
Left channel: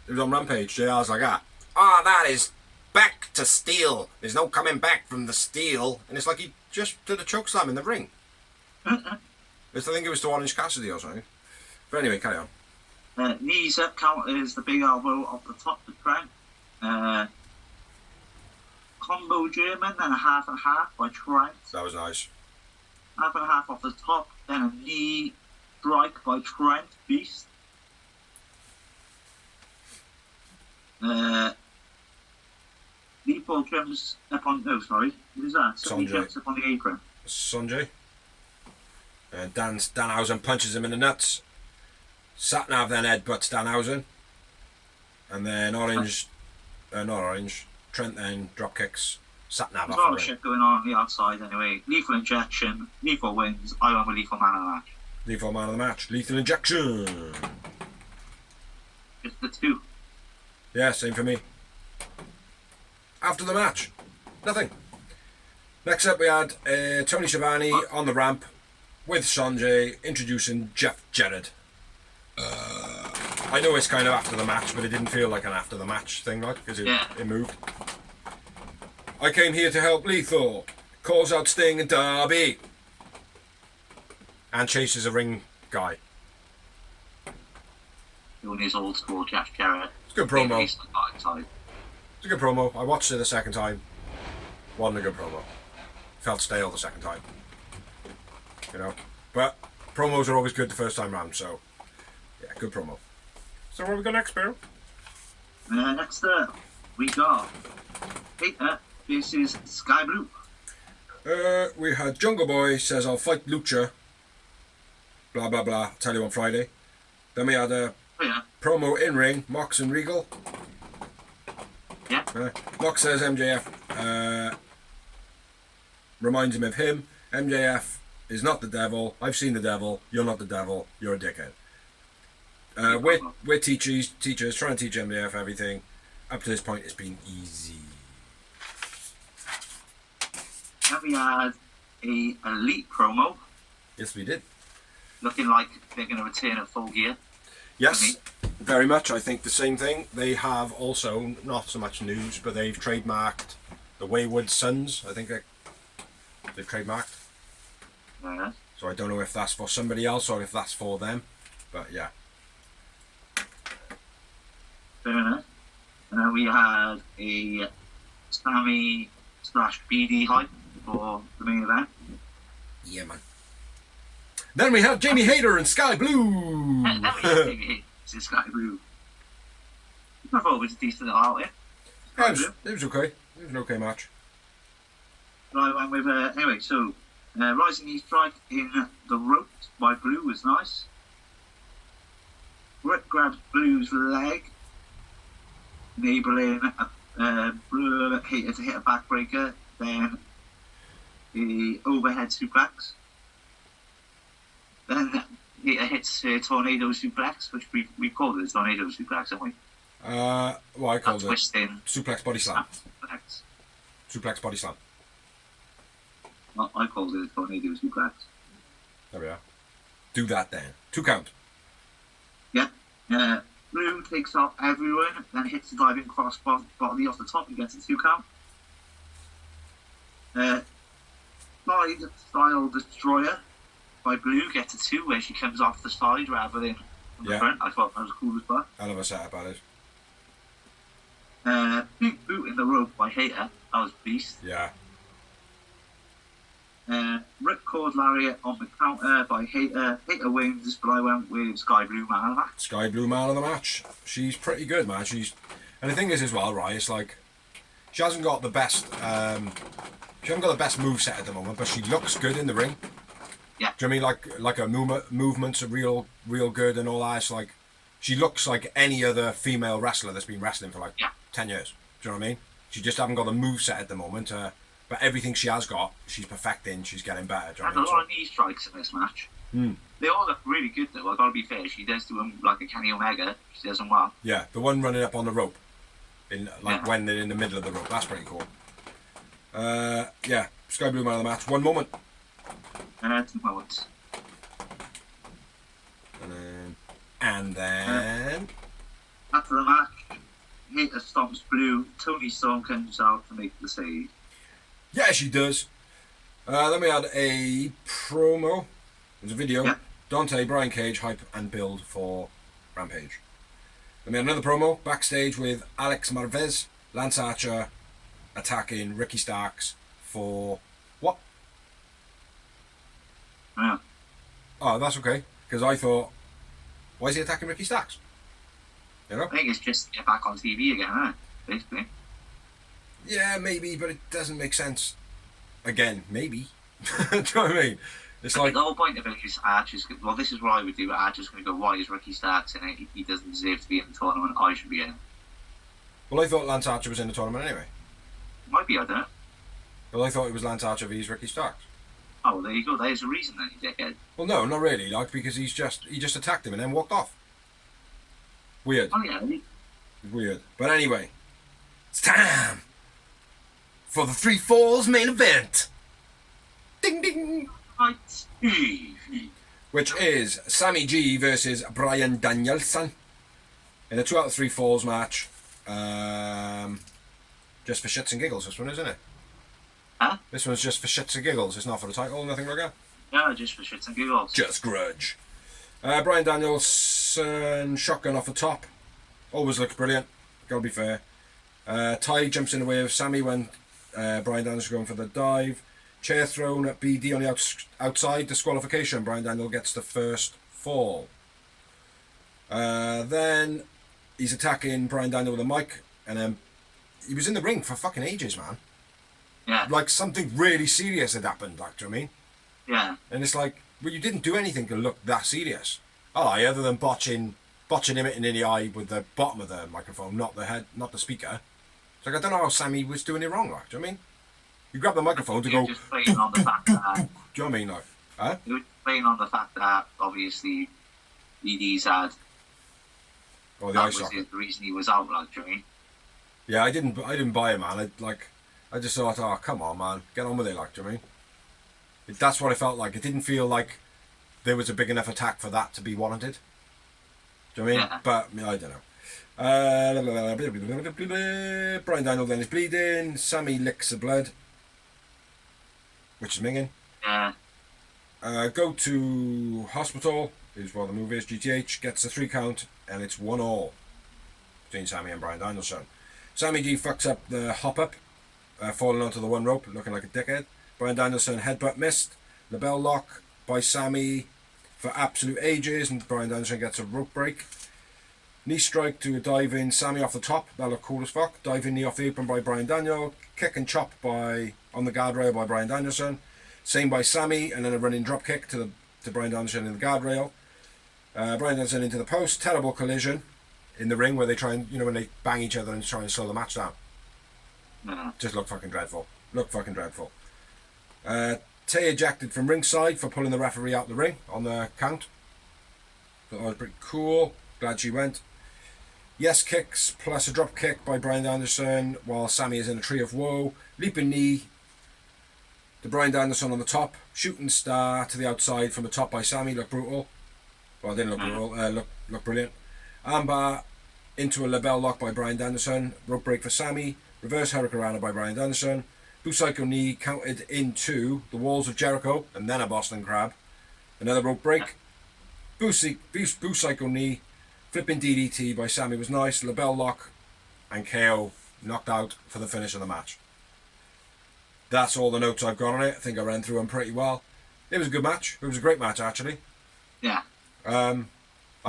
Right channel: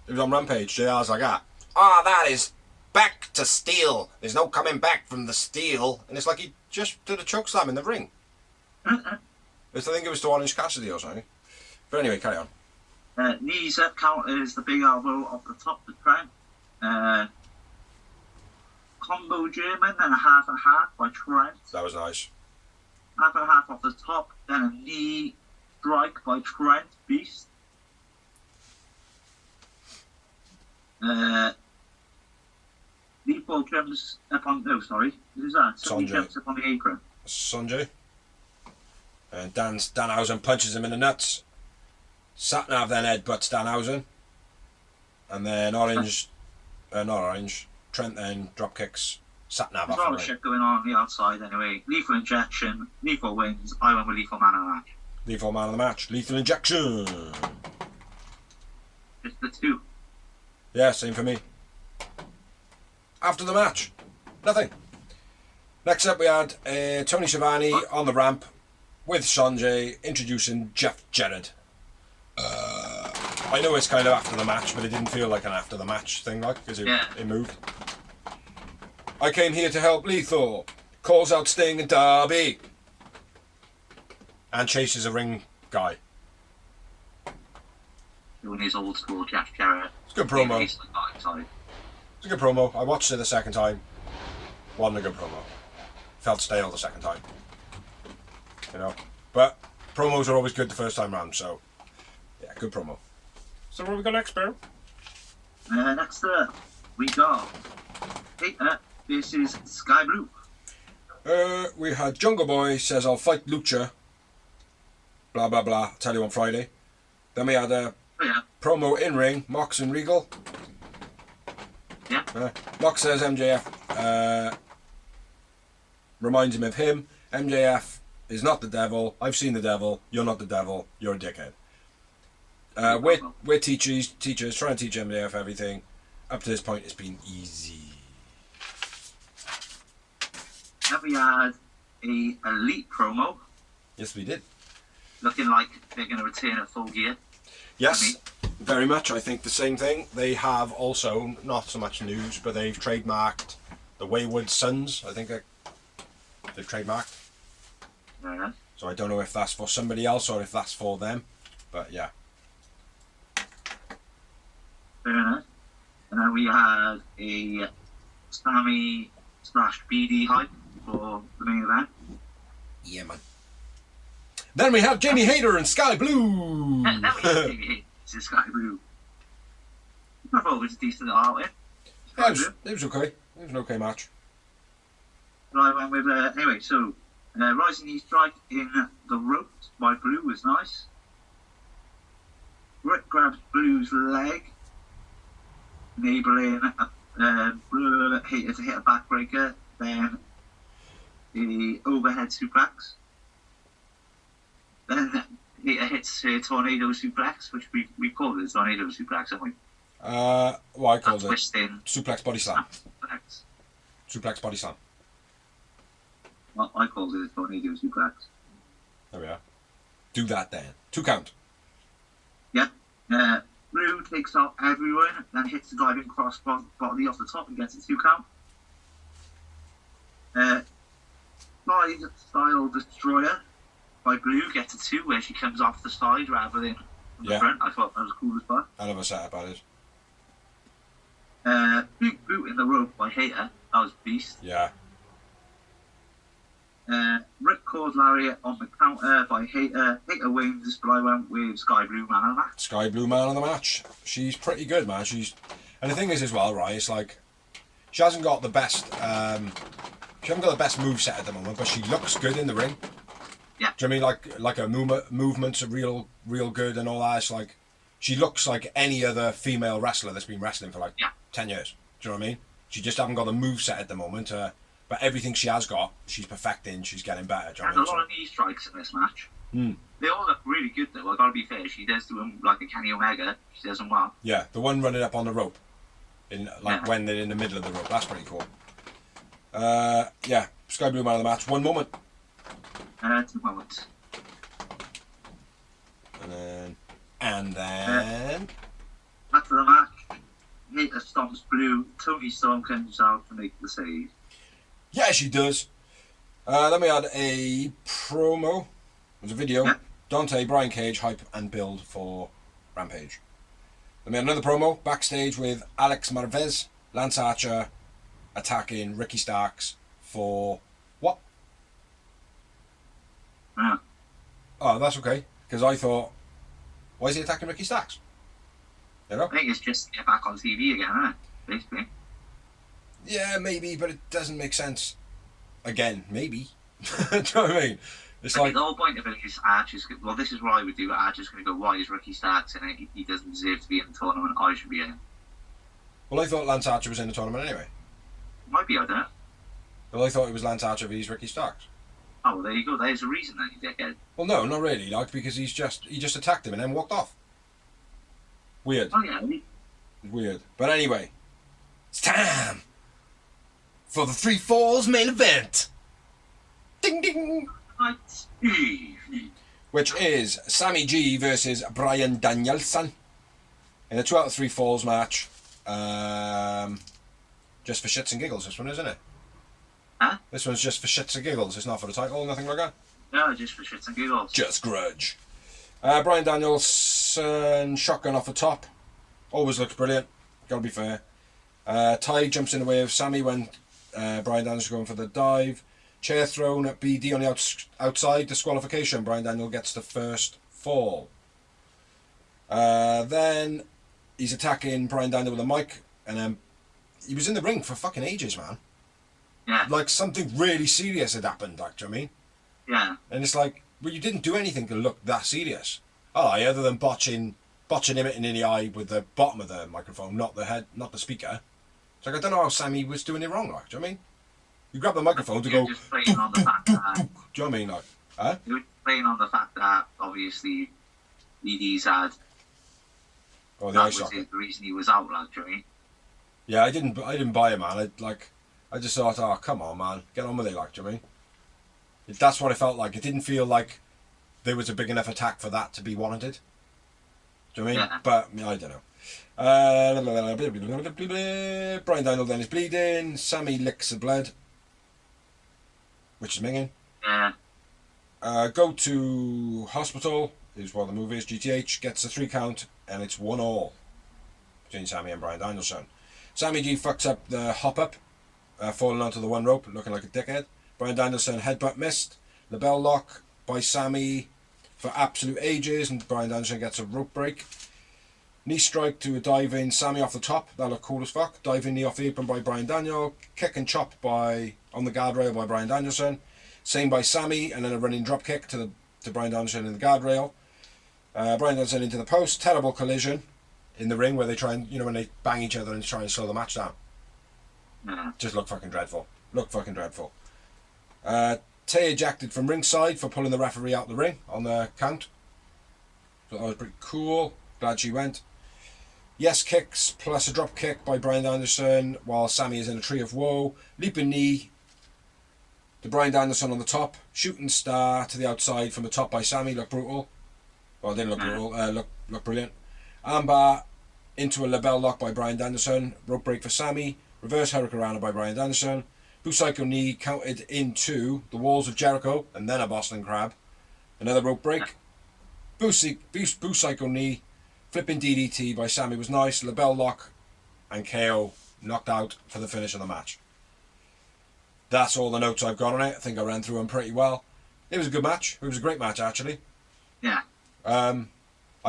It was on Rampage. JR's like, that is back to steel. There's no coming back from the steel. And it's like he just did a choke slam in the ring. I think it was to Orange Cassidy or something. But anyway, carry on. Knees up counters the big elbow off the top of Trent. Combo German, then a half and a half by Trent. That was nice. Half and a half off the top, then a knee strike by Trent Beast. Lethal jumps up on. Oh, sorry. Who's that? Somebody jumps up on the apron. Sonjay. And Danhausen punches him in the nuts. Satnav then headbutts Danhausen. And then Trent then drop kicks Satnav There's a lot of shit going on the outside anyway. Lethal injection. Lethal wins. I went with Lethal man of the match. Lethal man of the match. Lethal injection. Just the two. Yeah, same for me. After the match, nothing. Next up we had Tony Schiavone on the ramp with Sonjay introducing Jeff Jarrett. I know it's kind of after the match, but it didn't feel like an after the match thing, like, because it moved. "I came here to help Lethal," calls out Sting and Darby, and chases a ring guy. Doing his old school Jeff Jarrett. It's a good promo. It's a good promo. I watched it the second time. Wasn't a good promo. Felt stale the second time. You know, but promos are always good the first time round, so yeah, good promo. So what have we got next, Bear? Next up, we got Hater versus Sky Blue. We had Jungle Boy says, "I'll fight Lucha." Blah blah blah. Tell you on Friday. Then we had a promo in ring, Mox and Regal. Yeah. Mox says MJF reminds him of him. MJF is not the devil. I've seen the devil. You're not the devil. You're a dickhead. We're teachers trying to teach MJF everything. Up to this point, it's been easy. Then we had a Elite promo. Yes, we did. Looking like they're going to return at Full Gear. Yes, very much. I think the same thing. They have also, not so much news, but they've trademarked the Wayward Sons. I think they've trademarked. Yeah. So I don't know if that's for somebody else or if that's for them. But yeah. Fair enough. And then we had a Sammy/BD hype for the main event. Yeah, man. Then we have Jamie Hayter and Sky Blue. Now we have Jamie Hayter, Sky Blue. I thought it was a decent outing. Yeah, it was okay. It was an okay match. So I went with, anyway, so Rising Knee Strike in the ropes by Blue was nice. Rick grabs Blue's leg, enabling Hayter to hit a backbreaker, then the overhead suplex. Then Hayter hits a tornado suplex, which we called it a tornado suplex, haven't we? Well, I called it Twisting. suplex body slam. Suplex. Suplex body slam. Well, I called it a tornado suplex. There we are. Do that then. 2 count. Yeah. Blue takes off everyone, then hits the diving cross body off the top and gets a 2 count. Slide style destroyer by Blue gets a 2 where she comes off the side rather than from the front. I thought that was cool as fuck. I love a setup, that is. Big boot in the rope by Hayter. That was beast. Yeah. Ripcord lariat on the counter by Hayter. Hayter wins, but I went with Sky Blue man of the match. Sky Blue man of the match. She's pretty good, man. And the thing is as well, right, it's like she hasn't got the best she hasn't got the best moveset at the moment, but she looks good in the ring. Yeah. Do you know what I mean? Like her movements are real good and all that. It's like she looks like any other female wrestler that's been wrestling for like 10 years. Do you know what I mean? She just haven't got the moveset at the moment. But everything she has got, she's perfecting. She's getting better. Do you know and what I mean? a lot of knee strikes in this match. Mm. They all look really good though. I gotta be fair. She does do them like a Kenny Omega. She does them well. Yeah, the one running up on the rope, when they're in the middle of the rope. That's pretty cool. Yeah, Sky Blue man of the match. 1 moment. 2 moments. And then. After the match, Hayter stomps Blue. Tony Storm comes out to make the save. Yeah, she does. Then we had a promo. It was a video. Yeah. Dante, Brian Cage, hype and build for Rampage. Then we had another promo backstage with Alex Marvez, Lance Archer attacking Ricky Starks for what? Yeah. Oh, that's okay. Because I thought, why is he attacking Ricky Starks? You know? I think it's just to get back on TV again, isn't it? Basically. Yeah, maybe, but it doesn't make sense. Again, maybe. Do you know what I mean? It's like the whole point of it is Archer's. Well, this is what I would do. Archer's going to go, why is Ricky Starks in it? He doesn't deserve to be in the tournament. I should be in it. Well, I thought Lance Archer was in the tournament anyway. Might be, I don't know. Well, I thought it was Lance Archer vs Ricky Starks. Oh, well, there you go. There's a reason then, you dickhead. Well, no, not really. Like because he just attacked him and then walked off. Weird. Oh yeah. Weird. But anyway, it's time for the 3 Falls main event. Ding ding. Right. Which is Sammy G versus Bryan Danielson in a 2 out of 3 Falls match. Just for shits and giggles, this one, isn't it? Huh? This one's just for shits and giggles. It's not for the title, nothing like that. No, just for shits and giggles. Just grudge. Bryan Danielson shotgun off the top. Always looks brilliant. Gotta be fair. Ty jumps in the way of Sammy when Bryan Danielson going for the dive. Chair thrown at BD on the outside. Disqualification. Bryan Daniel gets the first fall. Then he's attacking Bryan Daniel with a mic, and then he was in the ring for fucking ages, man. Yeah. Like something really serious had happened. Like, do you know what I mean? Yeah. And it's like, well, you didn't do anything to look that serious. Oh, other than botching him in the eye with the bottom of the microphone, not the head, not the speaker. It's like, I don't know how Sammy was doing it wrong, like, do you know what I mean? You grab the microphone to go. Just playing on the fact that. Do you know what I mean, like? Huh? You were playing on the fact that obviously ED's had. Oh, the That eye was socket. the reason he was out, like, do you know what I mean? Yeah, I didn't buy it, man. I just thought, oh, come on, man, get on with it, like, do you know what I mean? That's what it felt like. It didn't feel like there was a big enough attack for that to be warranted. Do you know what I mean? Yeah. But I don't know. Bryan Daniel then is bleeding. Sammy licks the blood, which is minging. Yeah. Go to hospital is what the move is. GTH gets a 3 count, and it's 1-1 between Sammy and Bryan Danielson. Sammy G fucks up the hop up, falling onto the 1 rope, looking like a dickhead. Bryan Danielson headbutt missed. The bell lock by Sammy for absolute ages, and Bryan Danielson gets a rope break. Knee strike to a diving Sammy off the top. That looked cool as fuck. Diving knee off the apron by Bryan Daniel. Kick and chop on the guardrail by Bryan Danielson. Same by Sammy, and then a running drop kick to Bryan Danielson in the guardrail. Bryan Danielson into the post. Terrible collision in the ring where they try and, when they bang each other and try and slow the match down. Just looked fucking dreadful. Tay ejected from ringside for pulling the referee out the ring on the count. So that was pretty cool. Glad she went. Yes kicks plus a drop kick by Bryan Danielson while Sammy is in a tree of woe. Leaping knee to Bryan Danielson on the top. Shooting star to the outside from the top by Sammy. Looked brutal. Well, it didn't look brutal. Looked brilliant. Armbar into a label lock by Bryan Danielson. Rope break for Sammy. Reverse Hurricanrana by Bryan Danielson. Blue Psycho knee counted into the walls of Jericho and then a Boston Crab. Another rope break. Blue Psycho knee. Flipping DDT by Sammy was nice. Label lock and KO knocked out for the finish of the match. That's all the notes I've got on it. I think I ran through them pretty well. It was a good match. It was a great match, actually. Yeah. I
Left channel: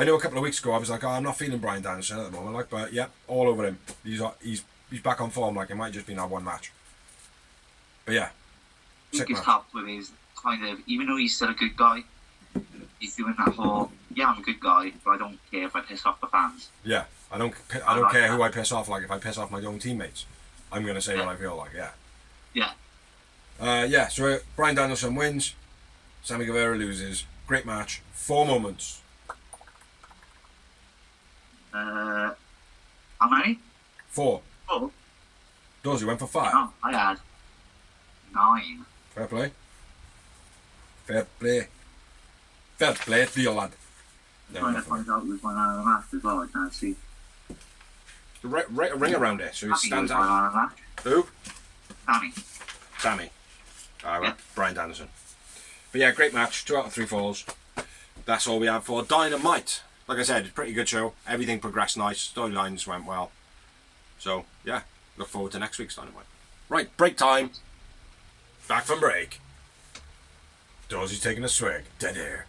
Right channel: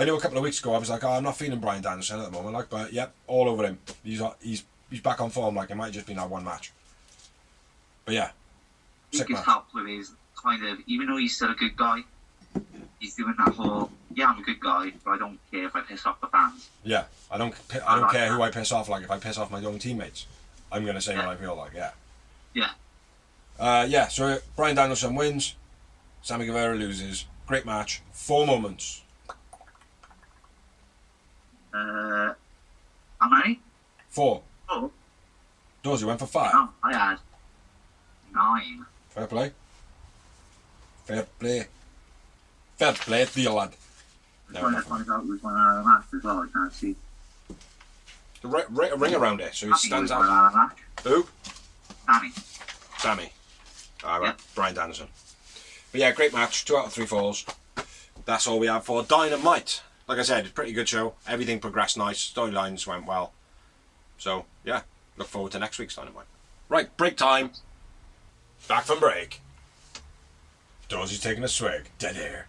know a couple of weeks ago I was like, I'm not feeling Bryan Danielson at the moment, but yeah, all over him. He's back on form. It might just be that one match. But yeah, I think he's helped with his kind of, even though he's still a good guy, he's doing that whole, I'm a good guy, but I don't care if I piss off the fans. Yeah, I don't care who I piss off. Like if I piss off my own teammates, I'm gonna say what I feel like. Yeah. So Bryan Danielson wins. Sammy Guevara loses. Great match. 4 moments. How many? 4. Oh. Dorsey went for 5. No, I had 9. Fair play. To you, lad. I'm trying to find out who's my man of the match as well. I can't see. Right a ring around it so he stands out. My man of the match. Who? Sammy. Alright, Bryan Danielson. But yeah, great match. 2 out of 3 falls. That's all we have for Dynamite. Like I said, it's a pretty good show. Everything progressed nice. Storylines went well. So, yeah. Look forward to next week's Dynamite. Right, break time. Back from break. Dorsey's taking a swig. Dead air.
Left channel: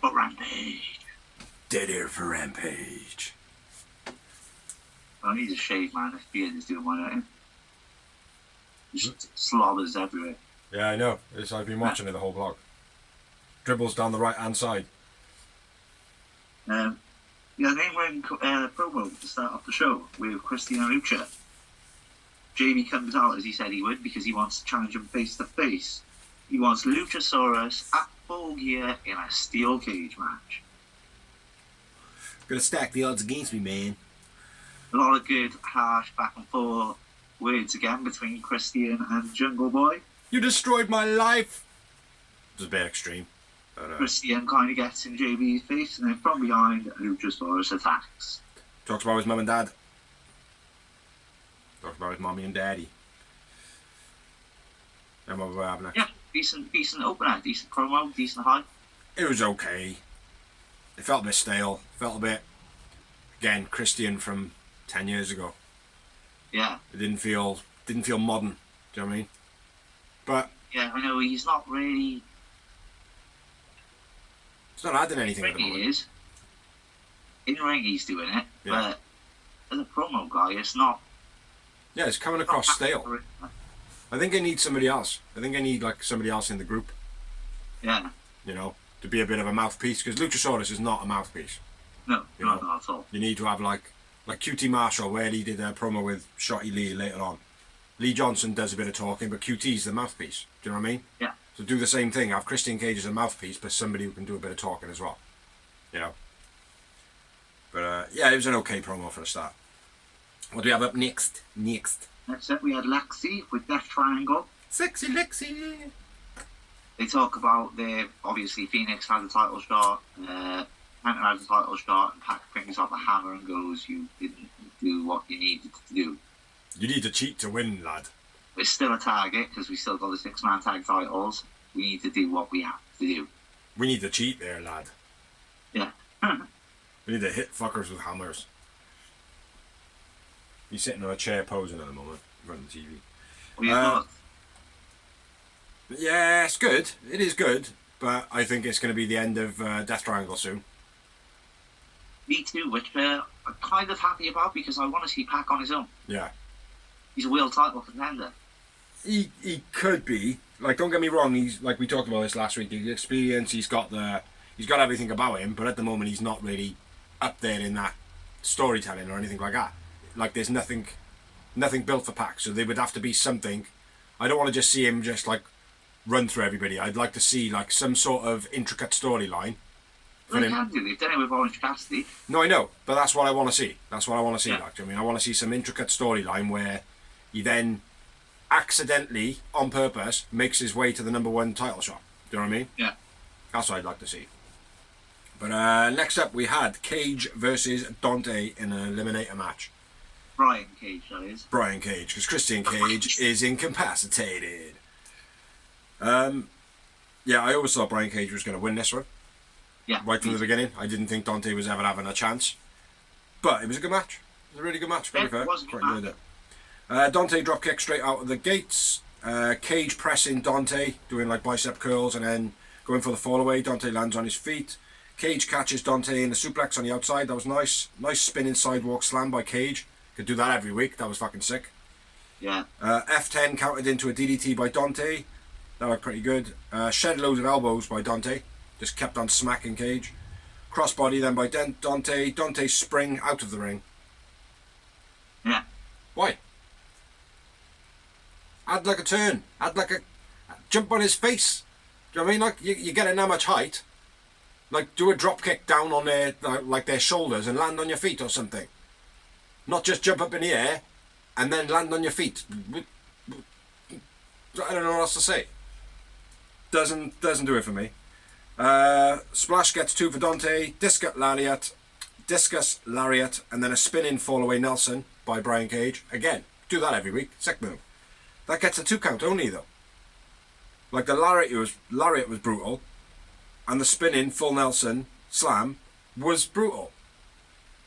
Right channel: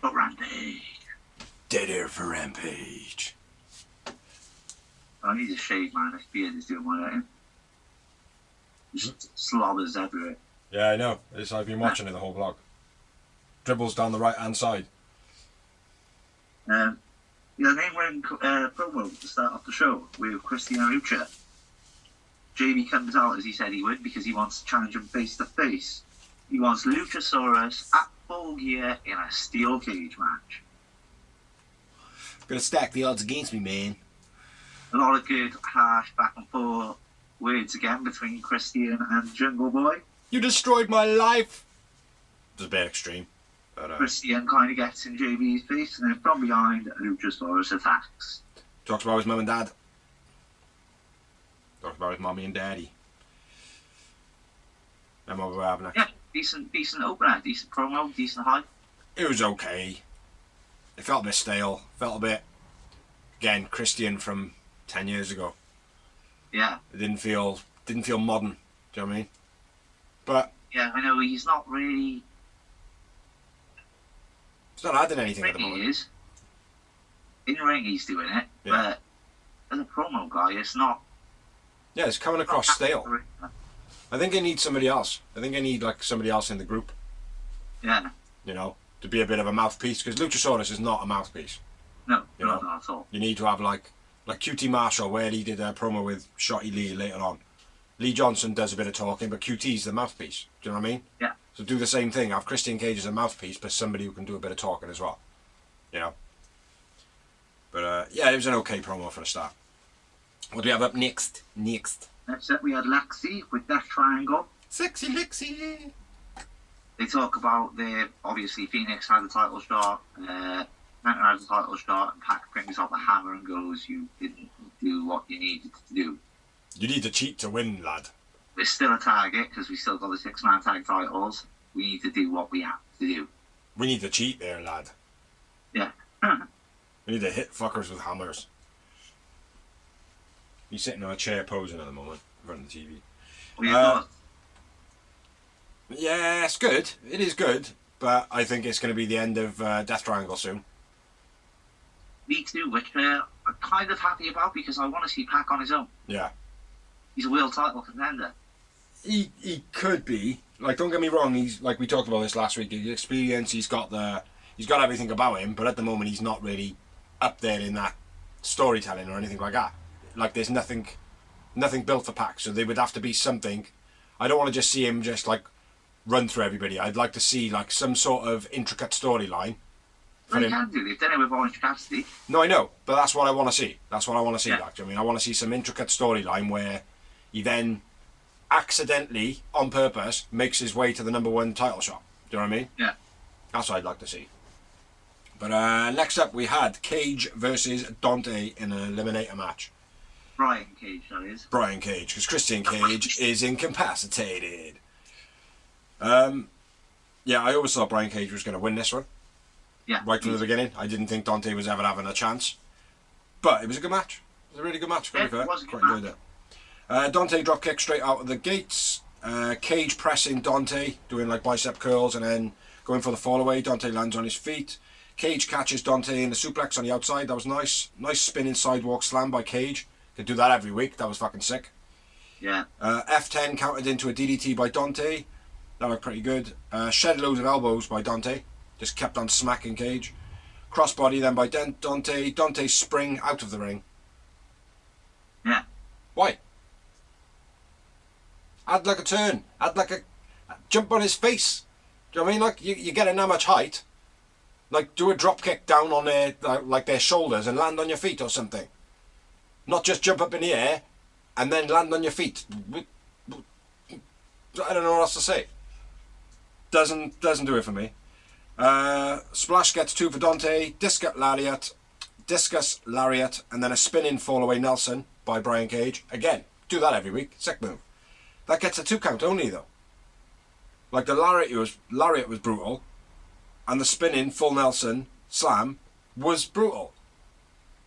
For Rampage. Dead air for Rampage. I need to shave, man. This beard is doing my own. Just slobbers everywhere. Yeah, I know. I've been watching it the whole vlog. Dribbles down the right hand side. Yeah, then we're promo to start off the show with Christian and Lucha. JB comes out as he said he would because he wants to challenge him face to face. He wants Luchasaurus at full gear in a steel cage match. Gonna stack the odds against me, man. A lot of good, harsh back and forth words again between Christian and Jungle Boy. You destroyed my life! It was a bit extreme. But, Christian kind of gets in JB's face, and then from behind, Luchasaurus attacks. Talks about his mum and dad. Talks about his mommy and daddy. And what we're having next. Yeah, decent opener, decent promo, decent hype. It was okay. It felt a bit stale. Felt a bit, again, Christian from 10 years ago. Yeah. It didn't feel modern. Do you know what I mean? But yeah, I know he's not really. It's not adding anything at the moment. He is. In the ring, he's doing it, but as a promo guy, it's not. Yeah, it's coming across stale. I think I need somebody else. I think I need somebody else in the group. Yeah. To be a bit of a mouthpiece, because Luchasaurus is not a mouthpiece. No, not at all. You need to have like QT Marshall, where he did a promo with Shotty Lee later on. Lee Johnson does a bit of talking, but QT's the mouthpiece. Do you know what I mean? Yeah. So do the same thing. Have Christian Cage as a mouthpiece, but somebody who can do a bit of talking as well. But yeah, it was an okay promo for the start. What do we have up next? Next up, we had Lexi with Death Triangle. Sexy Lexi. They talk about obviously Phoenix had the title shot, Penta had the title shot, and Pac brings out the hammer and goes, "You didn't do what you needed to do. You need to cheat to win, lad. It's still a target because we still got the 6-man tag titles. We need to do what we have to do. We need to cheat there, lad. Yeah. We need to hit fuckers with hammers." He's sitting on a chair posing at the moment in front of the TV. What you thought? Yeah, it's good. It is good. but I think it's going to be the end of Death Triangle soon. Me too, which I'm kind of happy about because I want to see Pac on his own. Yeah. He's a world title contender. He could be. Like, don't get me wrong, he's, like we talked about this last week, he's experienced, he's got everything about him, but at the moment he's not really up there in that storytelling or anything like that. Like, there's nothing built for Pac, so there would have to be something. I don't want to just see him just like run through everybody. I'd like to see like some sort of intricate storyline. Well, they can do. They've done it with Orange Cassidy. No, I know, but that's what I want to see. That's what I want to see. Yeah. Like, I mean, I want to see some intricate storyline where he then accidentally, on purpose, makes his way to the #1 title shot. Do you know what I mean? Yeah. That's what I'd like to see. But next up, we had Cage versus Dante in an eliminator match. Brian Cage, that is. Brian Cage, because Christian Cage is incapacitated. Yeah, I always thought Brian Cage was going to win this one. Yeah. Right from the beginning. I didn't think Dante was ever having a chance. But it was a good match. It was a really good match. Yeah, it was a good match. Dante drop kick straight out of the gates. Cage pressing Dante, doing like bicep curls and then going for the fall away. Dante lands on his feet. Cage catches Dante in the suplex on the outside. That was nice. Nice spinning sidewalk slam by Cage. Could do that every week. That was fucking sick. Yeah. F10 countered into a DDT by Dante. That looked pretty good. Shed loads of elbows by Dante. Just kept on smacking Cage. Crossbody then by Dante. Dante spring out of the ring. Yeah. Why? Add like a turn. Add like a jump on his face. Do you know what I mean? Like you get in that much height. Like do a drop kick down on their like their shoulders and land on your feet or something. Not just jump up in the air and then land on your feet. I don't know what else to say. Doesn't do it for me. Splash gets 2 for Dante. Discus lariat, and then a spinning fall away Nelson by Brian Cage. Again, do that every week. Sick move. That gets a 2 count only though. Like the lariat was brutal, and the spinning full Nelson slam was brutal.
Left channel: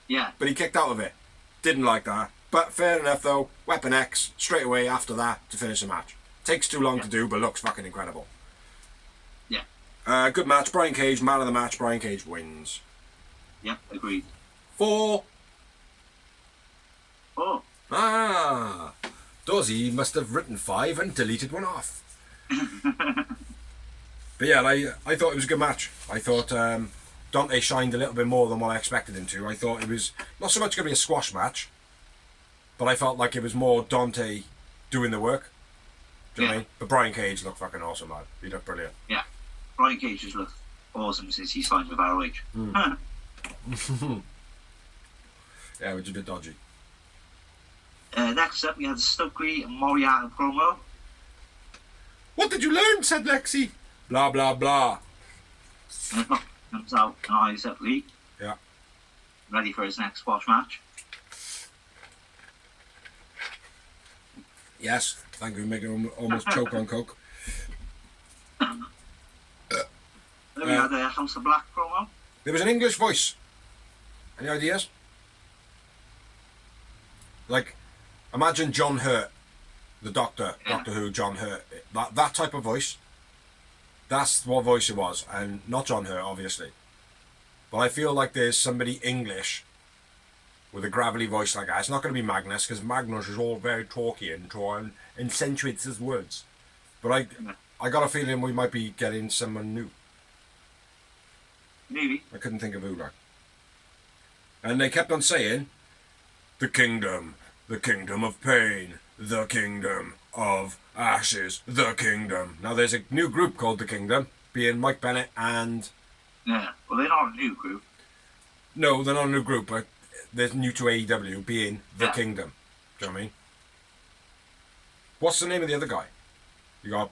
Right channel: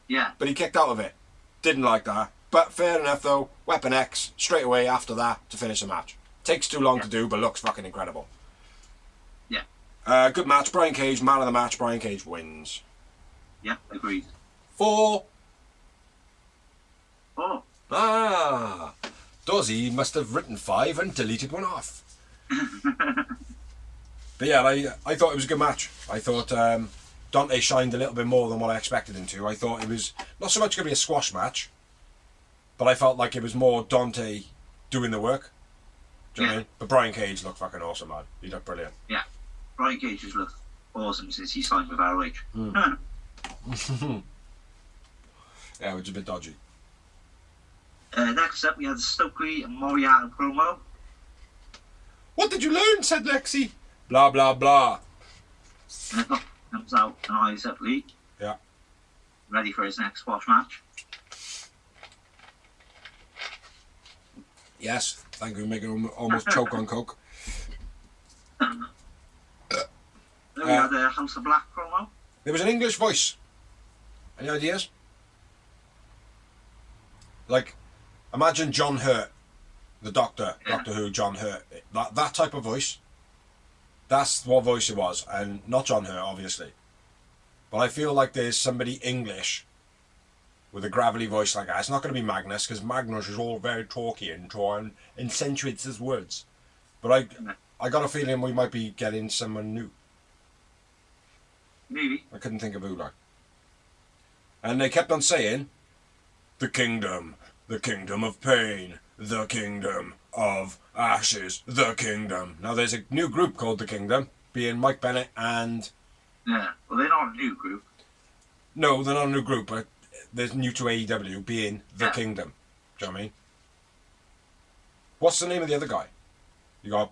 Yeah. But he kicked out of it. Didn't like that. But fair enough though. Weapon X straight away after that to finish the match. Takes too long to do, but looks fucking incredible. Yeah. Good match. Brian Cage, man of the match. Brian Cage wins. Yeah, agreed. 4. Oh. Ah. Dozzy must have written 5 and deleted one off. But yeah, I thought it was a good match. I thought Dante shined a little bit more than what I expected him to. I thought it was not so much going to be a squash match, but I felt like it was more Dante doing the work. Do you know what I mean? But Brian Cage looked fucking awesome, man. He looked brilliant. Yeah. Brian Cage has looked awesome since he signed with ROH. Yeah, which is a bit dodgy. Next up, we had the Stokely and Moriarty promo. What did you learn? Said Lexi. Blah blah blah. Comes out and eyes up Lee. Yeah. Ready for his next squash match. Yes. Thank you. Make him almost choke on coke. Then we had the House of Black promo. There was an English voice. Any ideas? Like, imagine John Hurt, the Doctor, Yeah. Doctor Who, John Hurt. That type of voice. That's what voice it was, and not John Hurt, obviously. But I feel like there's somebody English with a gravelly voice like that. It's not going to be Magnus, because Magnus is all very talky and accentuates his words. But I got a feeling we might be getting someone new. Maybe. I couldn't think of who, like. And they kept on saying, the kingdom of pain, the kingdom of ashes, the kingdom. Now there's a new group called the Kingdom, being Mike Bennett and... Yeah. Well, they're not a new group. No, they're not a new group, but they're new to AEW, being the Yeah. Kingdom. Do you know what I mean? What's the name of the other guy? You got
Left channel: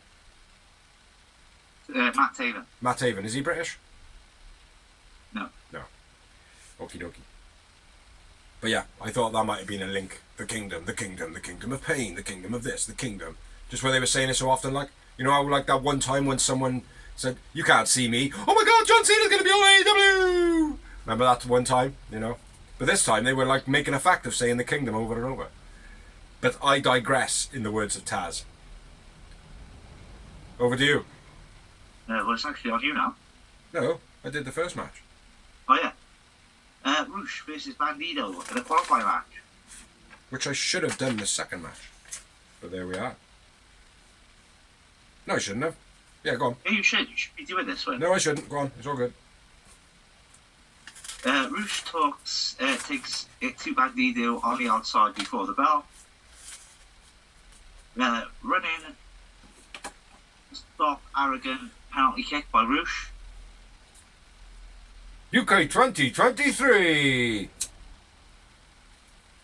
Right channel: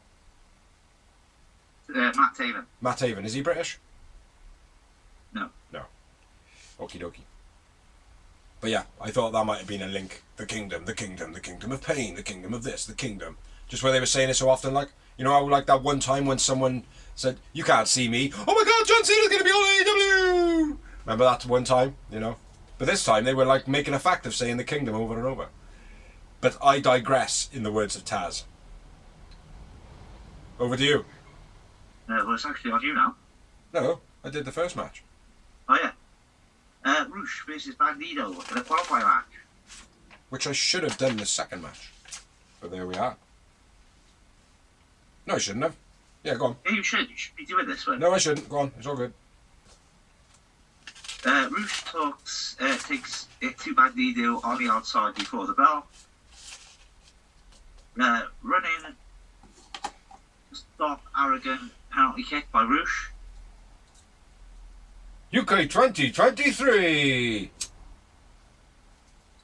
Matt Taven. Matt Haven. Is he British? No. No. Okie dokie. But yeah, I thought that might have been a link. The kingdom of pain, the kingdom of this, the kingdom. Just where they were saying it so often, like, you know how like that one time when someone said, you can't see me. Oh my god, John Cena's going to be on AEW! Remember that one time, you know? But this time they were like making a fact of saying the kingdom over and over. But I digress, in the words of Taz. Over to you. Well, it's actually on you now. No, I did the first match. Oh, yeah. Roosh versus Bandido in a qualifying match. Which I should have done the second match. But there we are. No, I shouldn't have. Yeah, go on. Yeah, you should. You should be doing this one. No, I shouldn't. Go on. It's all good. Roosh takes it to Bandido on the outside before the bell. Running, stop, arrogant, penalty kick by Roosh. UK 2023!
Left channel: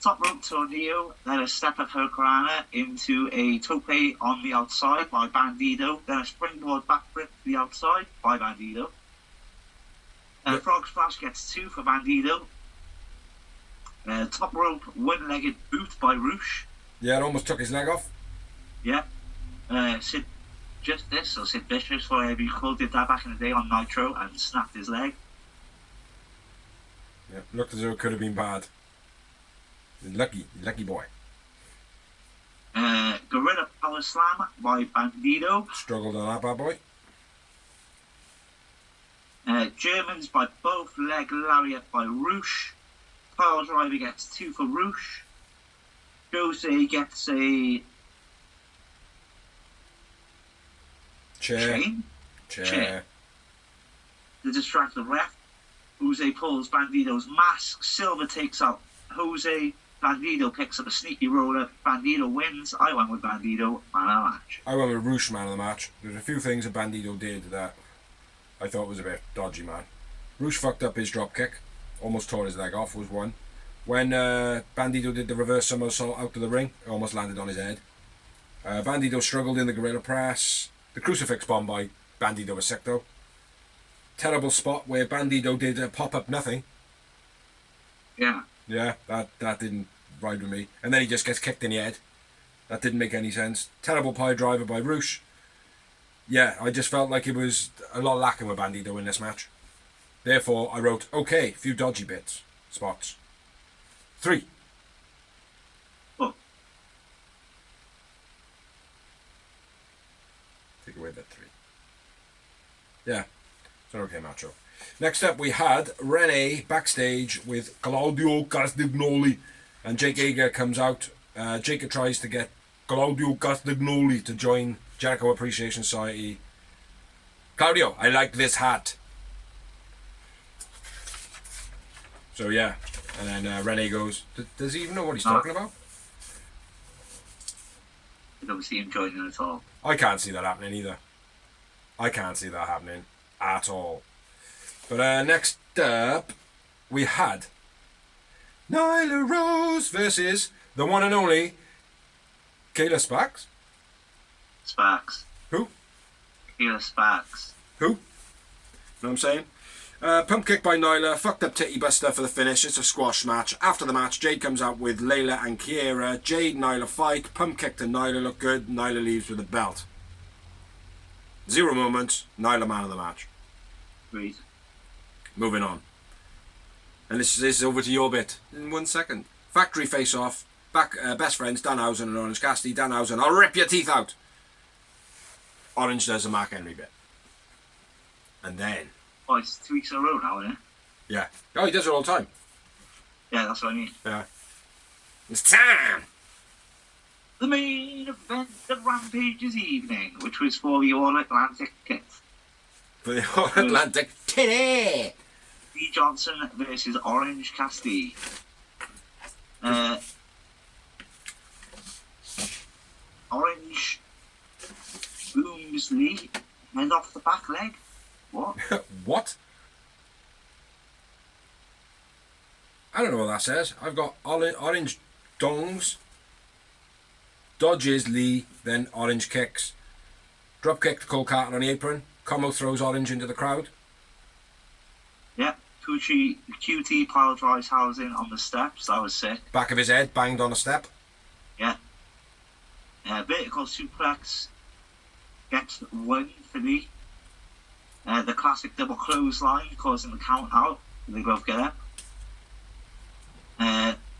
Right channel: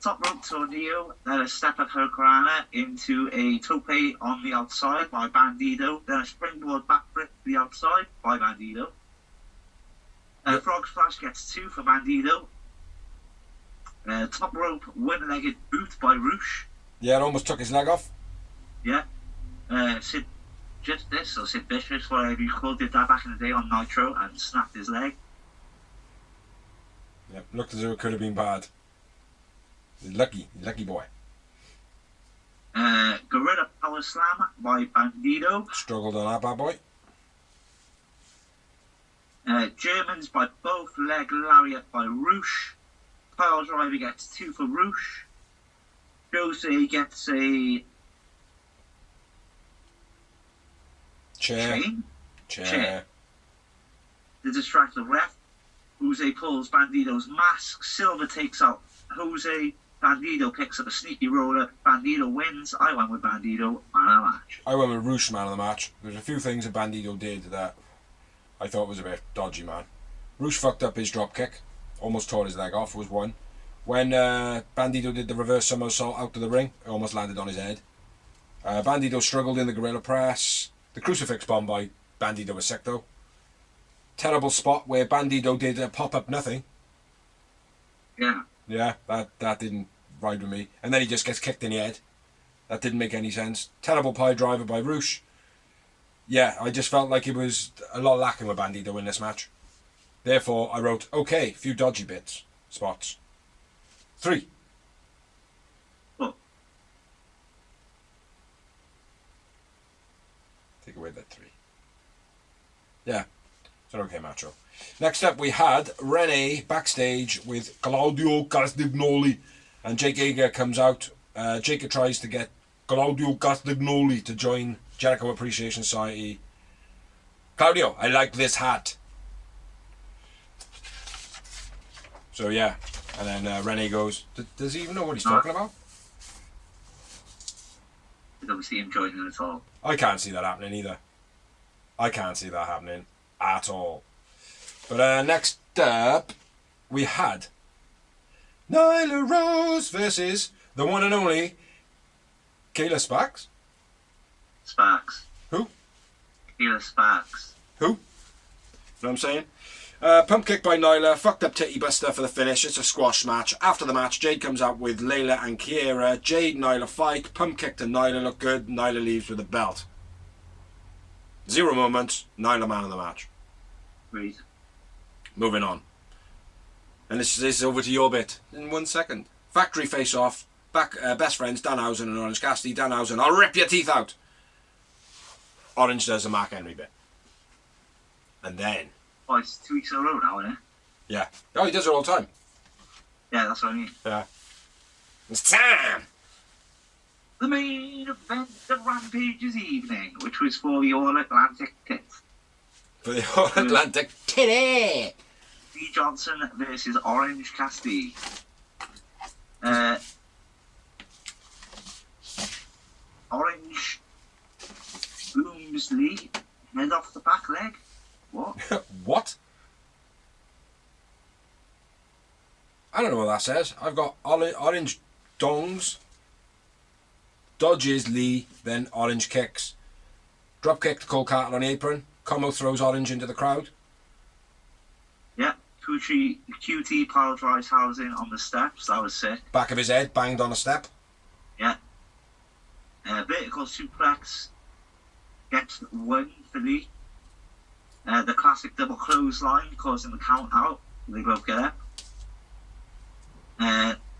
Top rope tornado, then a step of Hurricanrana into a tope on the outside by Bandido, then a springboard backflip to the outside by Bandido. Yep. Frog Splash gets 2 for Bandido. Top rope one-legged boot by Roosh. Yeah, it almost took his leg off. Yeah. Sid Justice, or Sid Vicious, whatever you called it, that back in the day on Nitro, and snapped his leg. Yeah, looked as though it could have been bad. Lucky boy. Gorilla Power Slam by Bandido. Struggled on that bad boy. Germans by both leg lariat by Roosh. Pile driver gets 2 for Roosh. Jose gets a Chair. Chair. To distract the ref. Jose pulls Bandido's mask. Silver takes out Jose. Bandido picks up a sneaky roller. Bandido wins. I went with Bandido, man of the match. I went with Roosh, man of the match. There's a few things that Bandido did that I thought was a bit dodgy, man. Roosh fucked up his drop kick. Almost tore his leg off, was one. When Bandido did the reverse somersault out to the ring, it almost landed on his head. Bandido struggled in the gorilla press. The crucifix bomb by Bandido was sick, though. Terrible spot where Bandido did a pop-up nothing. Yeah. Yeah, that didn't ride with me. And then he just gets kicked in the head. That didn't make any sense. Terrible pie driver by Roosh. Yeah, I just felt like it was a lot lacking with Bandido in this match. Therefore, I wrote, okay, few dodgy spots. 3. Oh. Take away that 3. Yeah, it's an okay match. Next up, we had Rene backstage with Claudio Castagnoli, and Jake Hager comes out. Jake tries to get Claudio Castagnoli to join Jericho Appreciation Society. Claudio, I like this hat. So yeah, and then Rene goes, does he even know what he's talking about? I don't see him joining at all. I can't see that happening either. I can't see that happening at all. But next up, we had Nyla Rose versus the one and only Kayla Sparks. Sparks. Who? Kayla Sparks. Who? You know what I'm saying? Pump kick by Nyla, fucked up titty buster for the finish. It's a squash match. After the match, Jade comes out with Layla and Kiera. Jade, Nyla fight. Pump kick to Nyla, look good. Nyla leaves with a belt. 0 moments. Nyla man of the match. Great. Moving on. And this is over to your bit in 1 second. Factory face off. Back best friends Danhausen and Orange Cassidy. Danhausen, I'll rip your teeth out. Orange does a Mark Henry bit. And then. Oh, it's 2 weeks in a row now, isn't it? Yeah. Oh, he does it all the time. Yeah, that's what I mean. Yeah. It's time! The main event of Rampage's evening, which was for the All Atlantic kit. For the All Atlantic Kitty! D. Johnson versus Orange Cassidy. Orange booms Lee, head off the back leg. What? What? I don't know what that says. I've got orange dongs, dodges Lee, then orange kicks. Drop kick to Cole Carter on the apron. Como throws orange into the crowd. Yeah, QT pile drives housing on the steps. That was sick. Back of his head banged on a step. Yeah. Vertical suplex gets 1 for Lee. The classic double clothesline causing the count out. They both get up.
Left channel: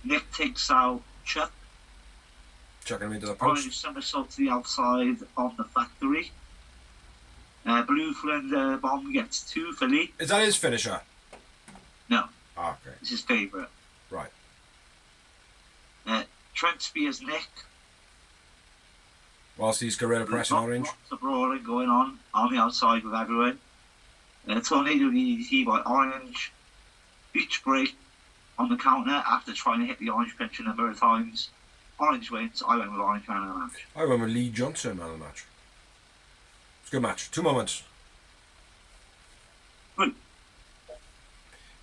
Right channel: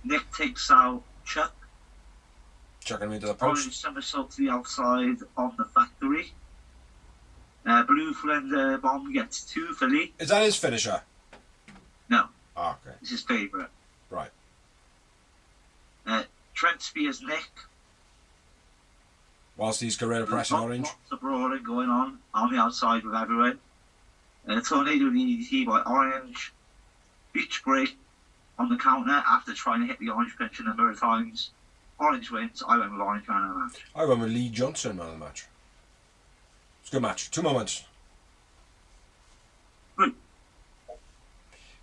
Nick takes out Chuck. Chucking him into the post. Orange somersault to the outside on the factory. Blue Flander Bomb gets 2 for Lee. Is that his finisher? No, Oh, okay. it's his favourite. Right. Trent Spears Nick. Whilst he's gorilla pressing orange. Lots of brawling going on the outside with everyone. Tornado DDT by Orange. Beach break on the counter after trying to hit the orange pinch a number of times. Orange wins. I went with Orange man of the match. I went with Lee Johnson man of the match. It's a good match. 2 moments. Good.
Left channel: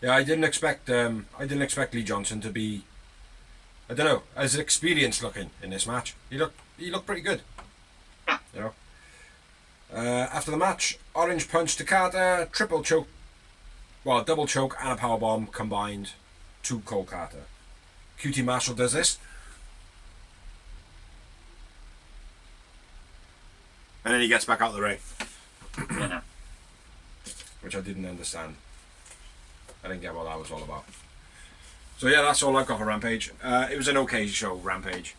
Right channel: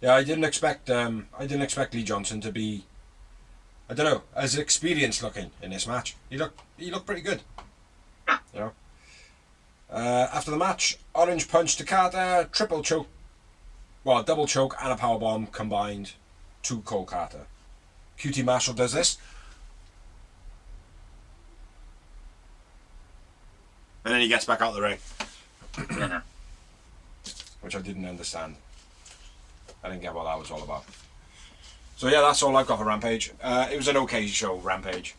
Yeah, I didn't expect Lee Johnson to be, I don't know, as experienced looking in this match. He looked pretty good. Yeah. You know. After the match, Orange punch to Carter, triple choke, well, double choke and a powerbomb combined to Cole Carter. QT Marshall does this. And then he gets back out of the ring. Yeah. Which I didn't understand. I didn't get what that was all about. So yeah, that's all I've got for Rampage. It was an okay show, Rampage.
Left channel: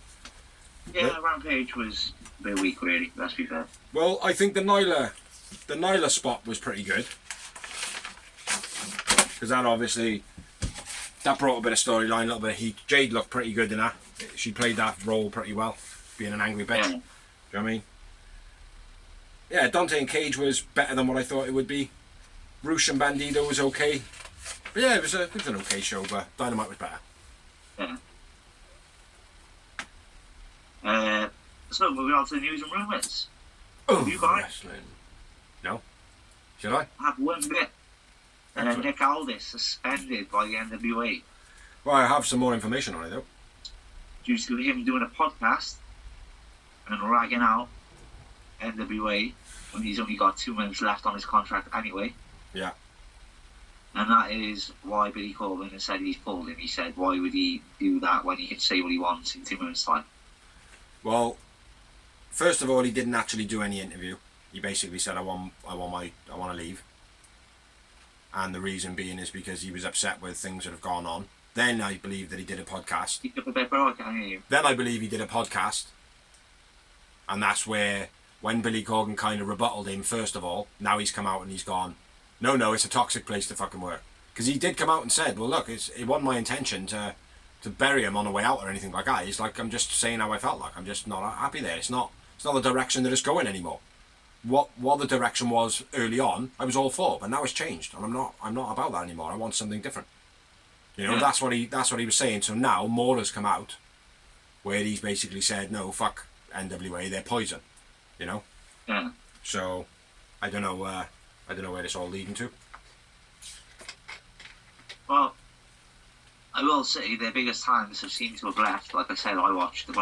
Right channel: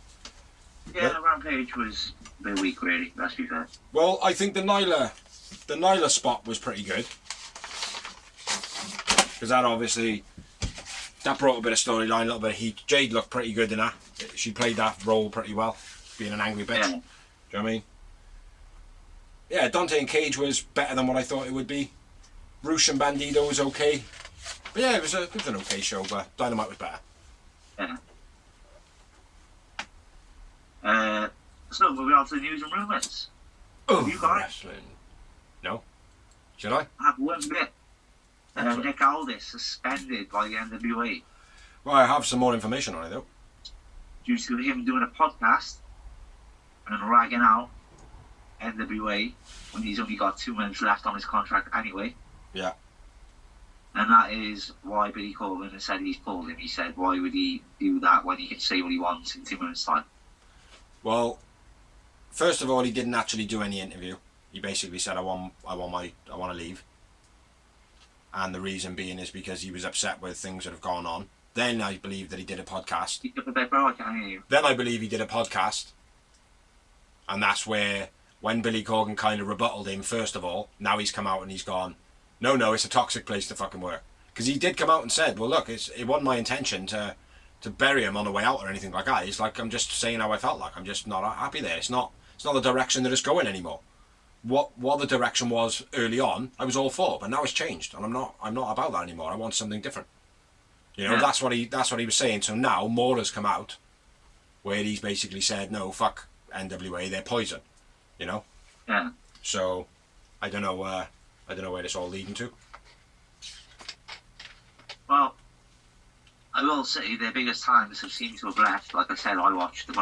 Yeah, the Rampage was a bit weak, really. Let's be fair. Well, I think the Nyla spot was pretty good. Because that obviously, that brought a bit of storyline, a little bit of heat. Jade looked pretty good in that. She played that role pretty well, being an angry bitch. Yeah. Do you know what I mean? Yeah, Dante and Cage was better than what I thought it would be. Roosh and Bandido was okay. But yeah, it was an okay show, but Dynamite was better. Yeah. So moving on to the news and rumours. Oh, you got wrestling. No? Should I? I have one bit. Excellent. Nick Aldis suspended by the NWA Well, I have some more information on it though. due to him doing a podcast and ragging out NWA when he's only got 2 months left on his contract anyway. Yeah. And that is why Billy Corgan has said he's pulled him. He said, why would he do that when he can say what he wants in 2 months' time? Well, first of all, he didn't actually do any interview. He basically said, I want to leave. And the reason being is because he was upset with things that have gone on. Then I believe that he did a podcast. Speak up a bit, bro, I can't hear you. Then I believe he did a podcast. And that's where, when Billy Corgan kind of rebutted him, first of all, now he's come out and he's gone, no, it's a toxic place to fucking work. Because he did come out and said, well, look, it wasn't my intention to bury him on the way out or anything like that. He's like, I'm just saying how I felt like. I'm just not happy there. It's not the direction that it's going anymore. What the direction was early on, I was all for, but now it's changed, and I'm not about that anymore. I want something different. You know, Yeah. that's what he was saying. So now more has come out, where he's basically said, no, fuck NWA, they're poison. You know. Yeah. So, I don't know where this all leading to. Well, I will say their biggest times have seemed to have left. Like I said, when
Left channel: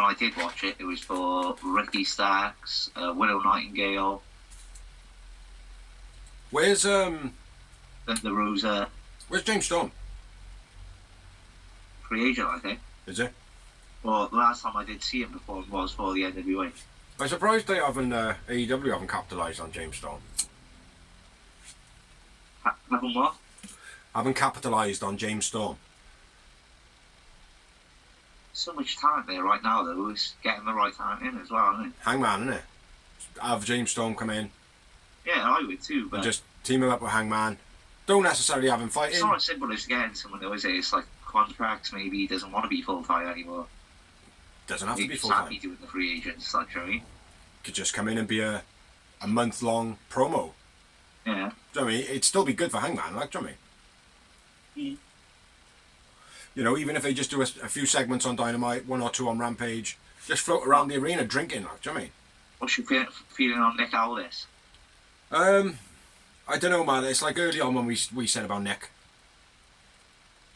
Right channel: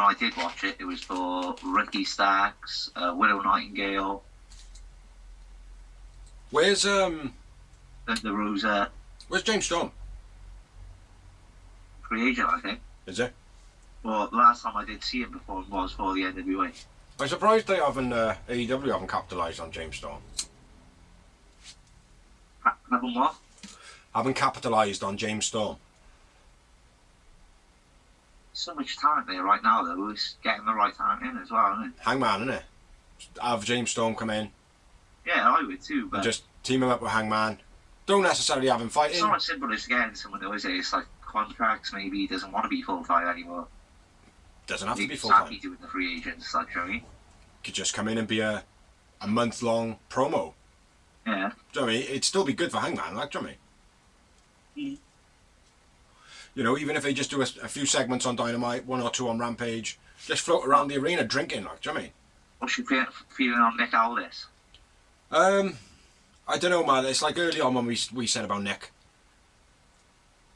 I did watch it, it was for Ricky Starks, Willow Nightingale, Where's the Rosa James Storm? free agent, I think. Is it? Well, the last time I did see him perform was for the NWA. I'm surprised they haven't AEW haven't capitalised on James Storm. Haven't what? Haven't capitalised on James Storm. So much talent there right now, though. It's getting the right talent in as well, isn't it? Hangman, innit? Have James Storm come in Yeah, I would too, but and just team him up with Hangman. Don't necessarily have him fighting. it's not as simple as getting someone, though, is it? It's like contracts, maybe he doesn't want to be full-time anymore. Doesn't have to be He's full happy time. doing the free agents, like, you know what I mean? Could just come in and be a month-long promo. Yeah. Do you know what I mean? It'd still be good for Hangman, like, do you know what I mean? You know, even if they just do a few segments on Dynamite, 1 or 2 on Rampage, just float around the arena drinking, like, do you know what I mean? What's your feeling on Nick Aldis? I don't know, man. It's like early on when we said about Nick.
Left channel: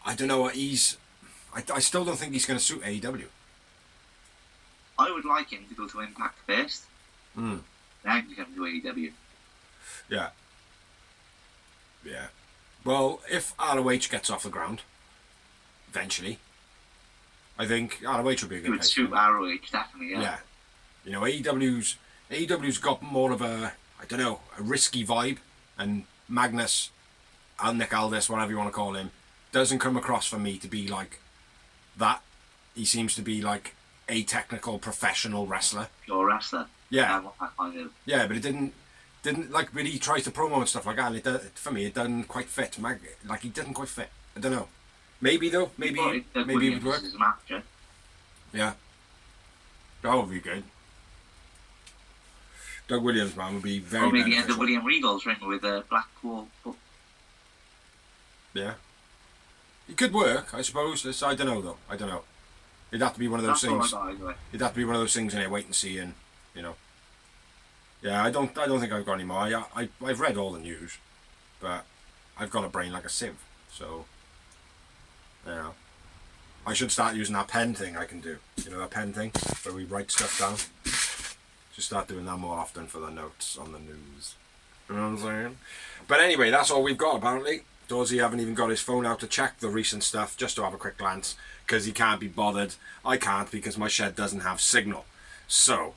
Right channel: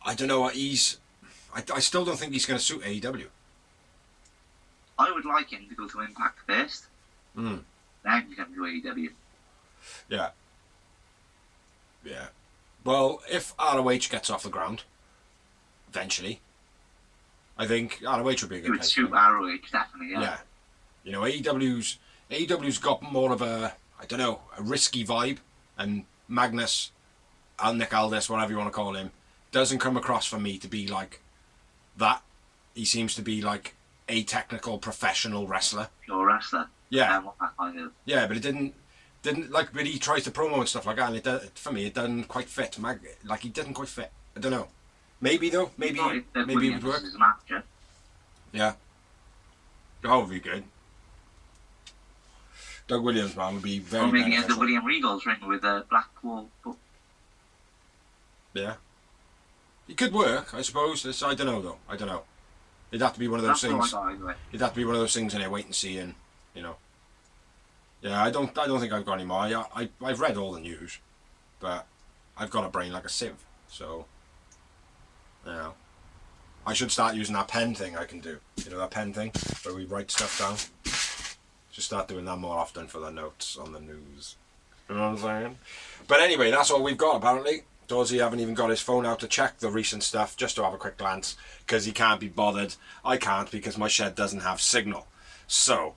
I don't know what I still don't think he's going to suit AEW. I would like him to go to Impact first, Mm. then come to AEW. Yeah. Yeah. Well, if ROH gets off the ground, eventually, I think ROH would be a He good would place. suit ROH, definitely, yeah. Yeah. You know, AEW's got more of a risky vibe, and Magnus, Nick Aldis, whatever you want to call him, doesn't come across for me to be like that. He seems to be like a technical professional wrestler. Pure wrestler. Yeah. What that kind of... Yeah, but it didn't. Didn't like when he tries to promo and stuff like that. And for me, it doesn't quite fit. Like he didn't quite fit. I don't know. Maybe though. Maybe it would work. Yeah. That would be good. Doug Williams, man, would be very beneficial. Or maybe the William Regal's ring with a Blackpool. Yeah. It could work, I suppose. I don't know though. I don't know. It'd have to be one of those things. It'd have to be one of those things, and wait and see, and you know. Yeah, I don't think I've got any more. I've read all the news, but I've got a brain like a sieve, so. You know. I should start using that pen thing I can do. You know that pen thing where we write stuff down. Just start doing that more often for the notes on the news. You know what I'm saying? But anyway, that's all we've got apparently. Dorsey haven't even got his phone out to check the recent stuff, just to have a quick glance, because he can't be bothered. I can't because my shed doesn't have signal. So,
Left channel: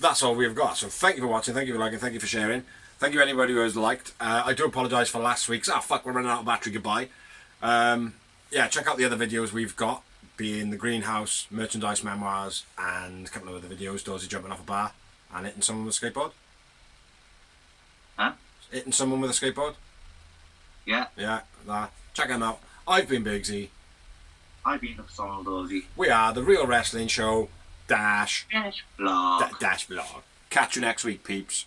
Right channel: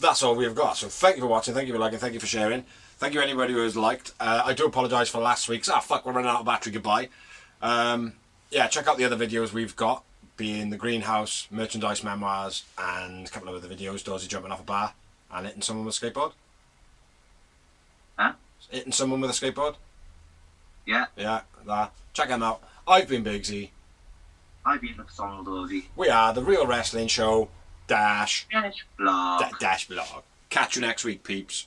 that's all we've got. So thank you for watching, thank you for liking, thank you for sharing. Thank you anybody who has liked. I do apologise for last week's. Fuck, we're running out of battery, goodbye. Yeah, check out the other videos we've got, being the Greenhouse, Merchandise Memoirs, and a couple of other videos. Dorsey jumping off a bar and hitting someone with a skateboard. Huh? Hitting someone with a skateboard. Yeah. Yeah, that. Check them out. I've been Bigsy. I've been McDonald Dorsey. We are the Real Wrestling Show Dash Blog. Dash Blog. Catch you next week, peeps.